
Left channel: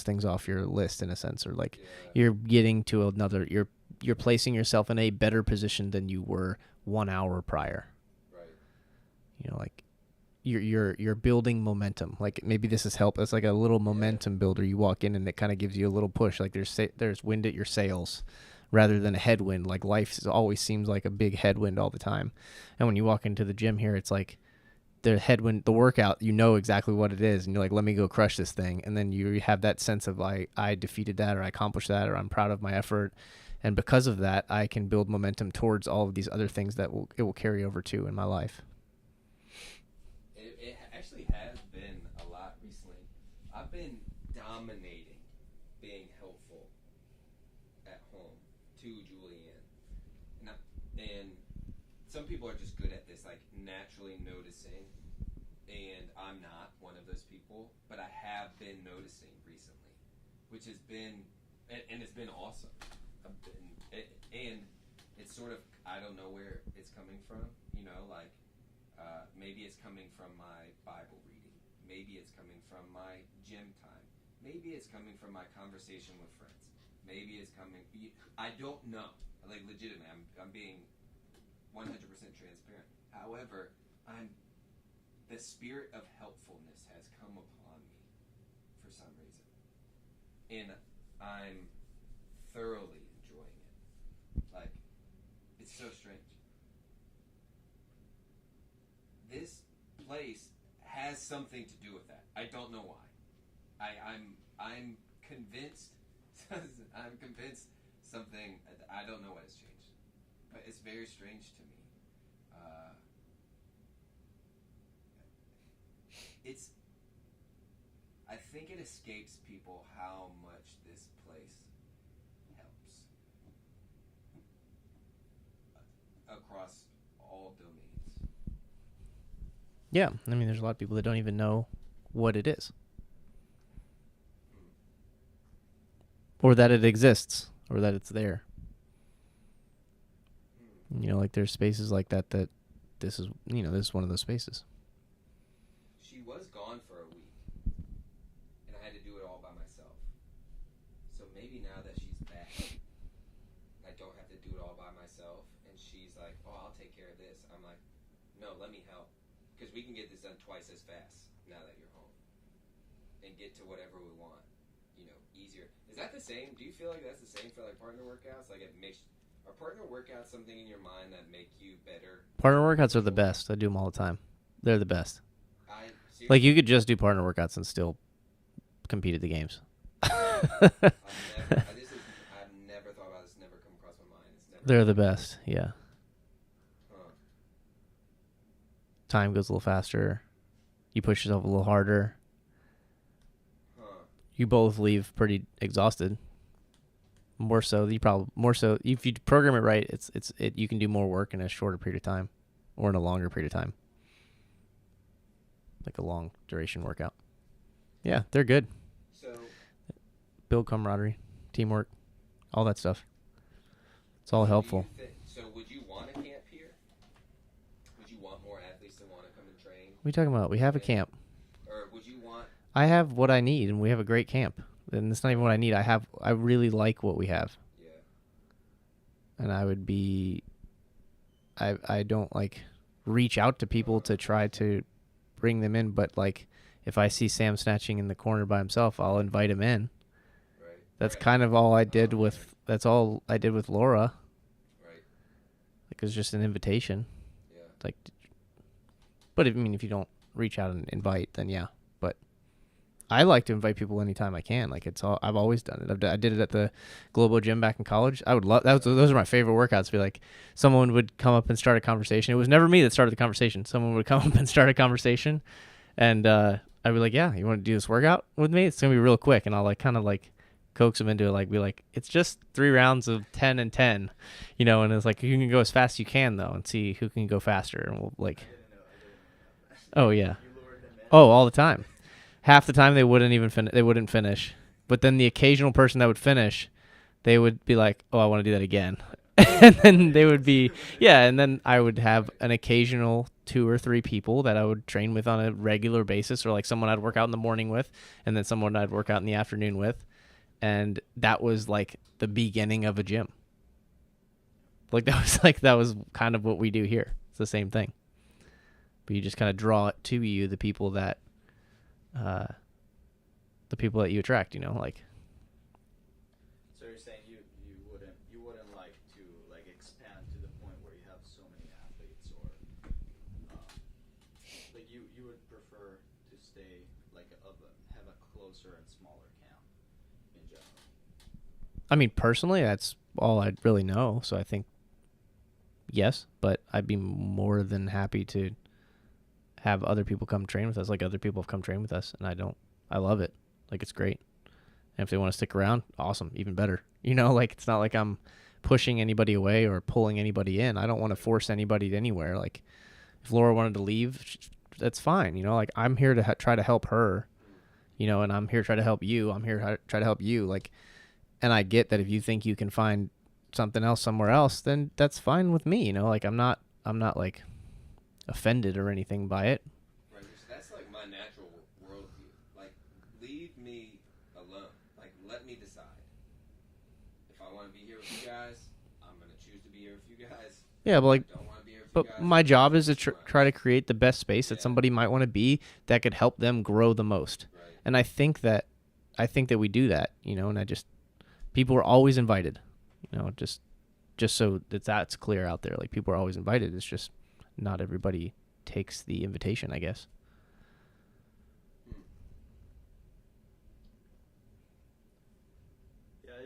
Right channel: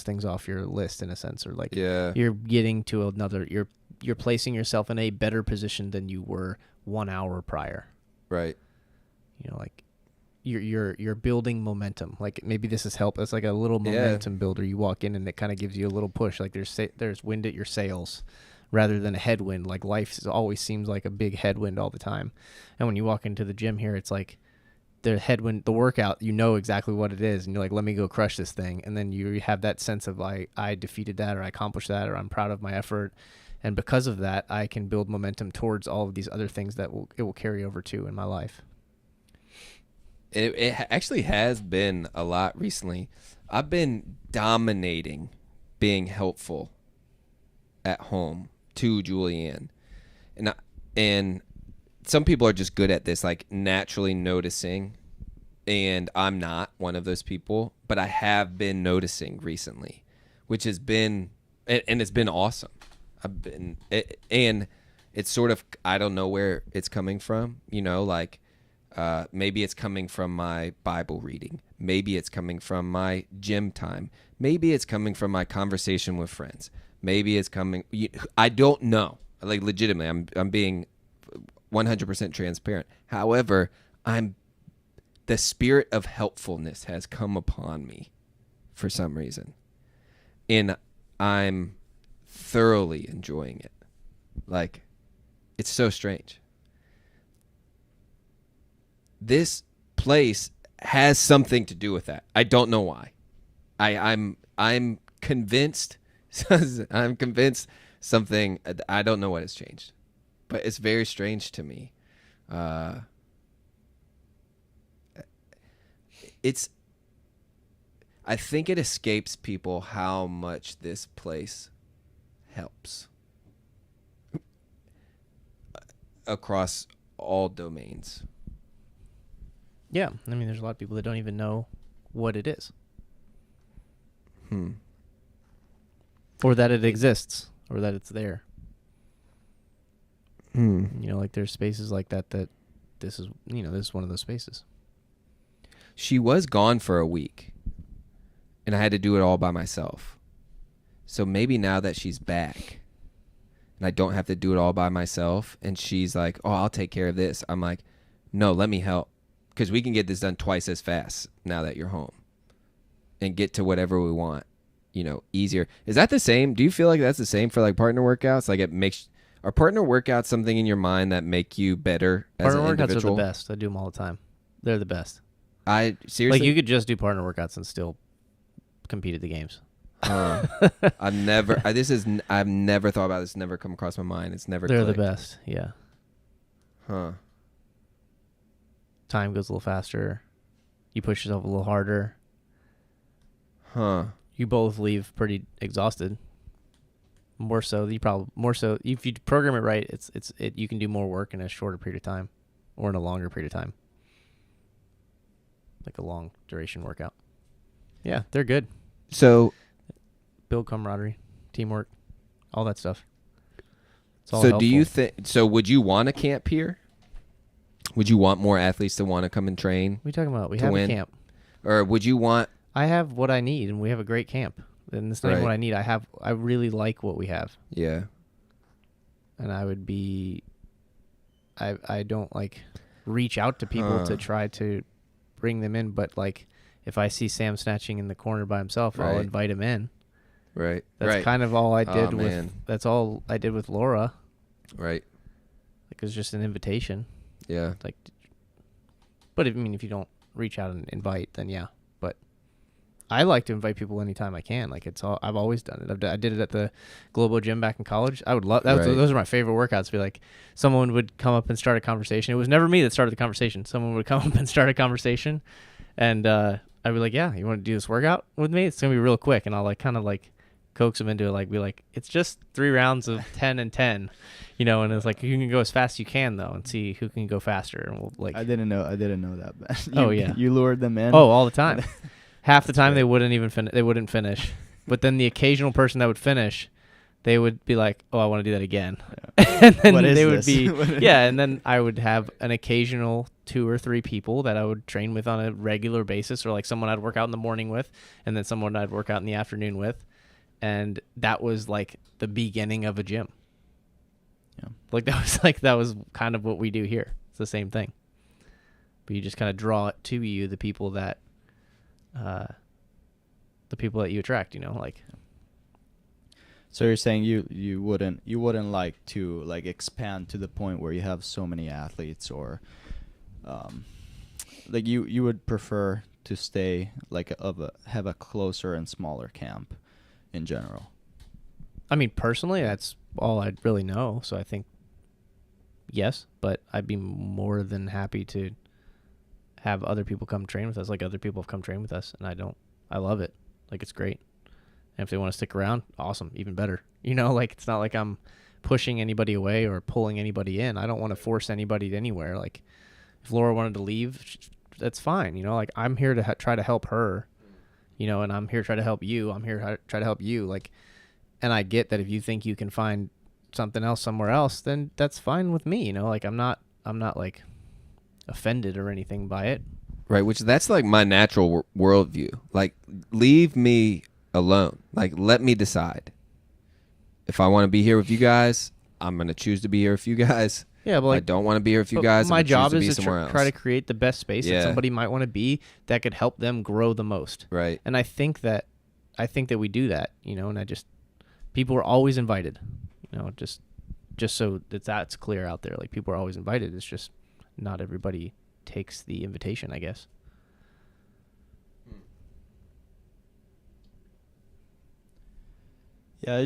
things off your list in a sense, or like you're getting to another, you're placing yourself in a better position than you were 1 hour prior. Right. Like you're building momentum. Like maybe this is help. It's like a little momentum builder. You walk in and it kind of gives you a little push. Like there's wind at your sails rather than a headwind. Like life always seems like a big headwind all the time. And when you walk into the gym here, it's like the headwind, the workout, exactly what it is. And you're like, let me go crush this thing. And then you have that sense of like, I defeated that, or I accomplished that, or I'm proud of my effort. And because of that, I can build momentum towards all of these other things that it will carry over to in my life. It actually has been a lot recently. I've been dominating being helpful at home to Julianne. And some people are just good at this, like naturally noticing. And I'm not one of those people. But I have been noticing recently, which has been, and it's been awesome. And it's sort of, I don't know where it's coming from, like. Maybe it's coming from my Bible reading. Maybe it's coming from my gym time. Maybe it's coming from my conversation with friends. Maybe it's coming. I don't know. Like legitimately, I'm being 100% transparent. However, the spirit of helpfulness has come upon me for some reason. And I'm thoroughly enjoying it. Like, it's so strange. This place has something to do with that. I don't know why. I'm convinced. I'm convinced something. I don't know what has changed, but it's very strange to me. I think it escapes people how much this place helps across all domains. Yeah, I mean, there's a lot of people that don't even know what it is. Or that it exists, or that it's there. You know, like there's spaces like that this is one of those spaces. She was gone for a week, and I had to do it all by myself. So maybe now that she's back, and I don't have to do it all by myself, and she's like, oh, I'll take care of this. I'm like, no, let me help, because we can get this done twice as fast now that you're home and get to whatever we want, easier. Is that the same? Do you feel like that's the same for like partner workouts? Like are partner workouts something in your mind that make you better as Partner an workouts individual? are the best. I do them all the time. They're the best. I seriously, Like you could just do partner workouts and still compete at the games. I've never thought about this. Never come across my mind. It's never. They're the clicked. best. Yeah. Huh. Time goes a little faster. You push yourself a little harder. Huh. You both leave pretty exhausted. More so if you program it right, you can do more work in a shorter period of time, or in a longer period of time. Like a long duration workout. Yeah, they're good. So, Build camaraderie, teamwork, all that stuff. It's all so helpful. do you think? So, would you want a camp here? Would you want more athletes to want to come and train, What are you talking about? We have win? a camp. or would you want? I have what I need, and we have a great camp. And it's not even Right. what I need. I really like what we have. Yeah. And I don't like reach out to people to try to bring them in, but like if I see Sam snatching in the corner by himself, I'll Right. invite him in. Right. That's right. kind of all I did man. that's all I did with Laura. Right. Like it was just an invitation. Yeah. Like, but if you don't reach out and invite, then yeah. But I like to invite people anytime I can. Like I've always done it. I did it at the Globo Gym back in college. I would love that. Right. Those are my favorite workouts. Be like, someone would come up and start a conversation. It was never me that started the conversation. Someone would come up and start a conversation, and I'd be like, yeah, you want to do this workout with me? It's gonna be real quick, and I'll like kind of like coax them into it. Like be like, it's just 3 rounds of 10 and 10, and it's like you can go as fast as you can though, and see who can go faster, and we'll like. I didn't know that. Man. Oh, yeah. You lured them in. Oh, all the time. Half the time they wouldn't even they wouldn't finish. But then the occasional person that would finish, they would be like, "Oh, I want to do that again." Yeah. And then What is they would this? be yeah, and then I would have an occasional 2 or 3 people that I would train with on a regular basis, or like someone I'd work out in the morning with, and then someone I'd work out in the afternoon with. And that was like the beginning of a gym. Yeah. Like that was kind of what we do here. It's the same thing. But you just kind of draw it to you the people that you attract, like. So you're saying you wouldn't like to like expand to the point where you have so many athletes, or like you would prefer to stay like have a closer and smaller camp in general. I mean, personally, that's all I'd really know. So I think yes, but I'd be more than happy to have other people come train with us. Like other people have come train with us, and I love it. Like it's great. And if they want to stick around, awesome, even better. Like it's not like I'm pushing anybody away or pulling anybody in. I don't want to force anybody anywhere. Like if Laura wanted to leave, that's fine. Like I'm here to try to help her, and I'm here to try to help you. I'm here to try to help you. Like, and I get that if you think you can find something else somewhere else, then that's fine with me. Like I'm not like offended or anything by it. Right. Which that's like my natural worldview. Like leave me alone. Like let me decide. If I want to be here with you guys, I'm going to choose to be here with you guys. Yeah, but I like, don't want to be here with you but guys. my I'm gonna choose job to is be to somewhere try to else. create the best space that Yeah. somebody might want to be that could help them grow the most. Right. And I think that we do that, you know, and people are always invited, you know, just so that's clear out there. Like, people are always invited. It's just not everybody takes the invitation, I guess. Yeah,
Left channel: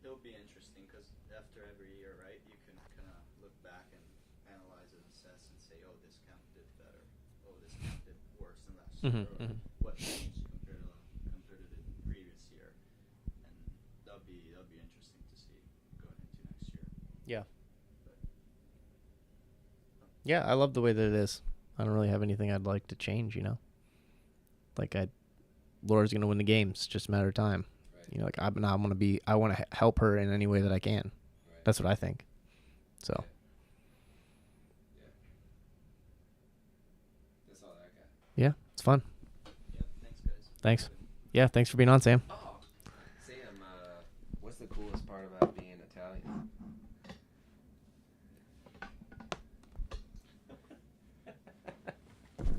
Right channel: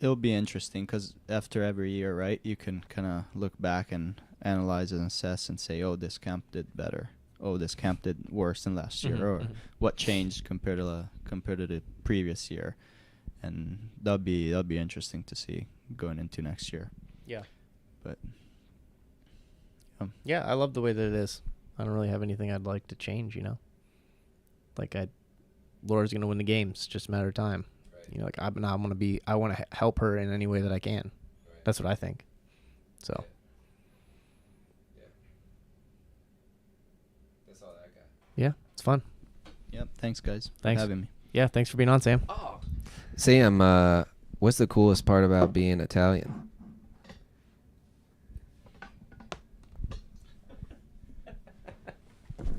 it'll be interesting because after every year, right, you can kind of look back and analyze and assess and say, oh, this camp did better. Oh, this camp did worse than last year, Mhm, or mhm. what changed compared to the previous year, and that'll be interesting to see going into next year. Yeah. But Yeah, I love the way that it is. I don't really have anything I'd like to change, you know. Like, Laura's going to win the games. It's just a matter of time. Right. You know, like, I want to help her in any way that I can. Right. That's what I think. So, Yeah. That's all I got. yeah, it's fun. yep, thanks guys. Thanks. For having me. Yeah, thanks for being on, Sam. Sam, what's the coolest part about being Italian?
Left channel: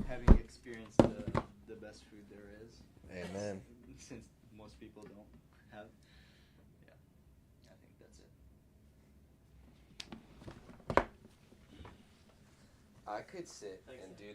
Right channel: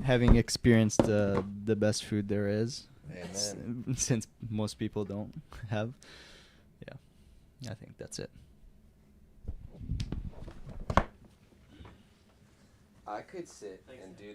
Having experienced the best food there is. Amen. Since most people don't have. Yeah, I think that's it. I could sit and do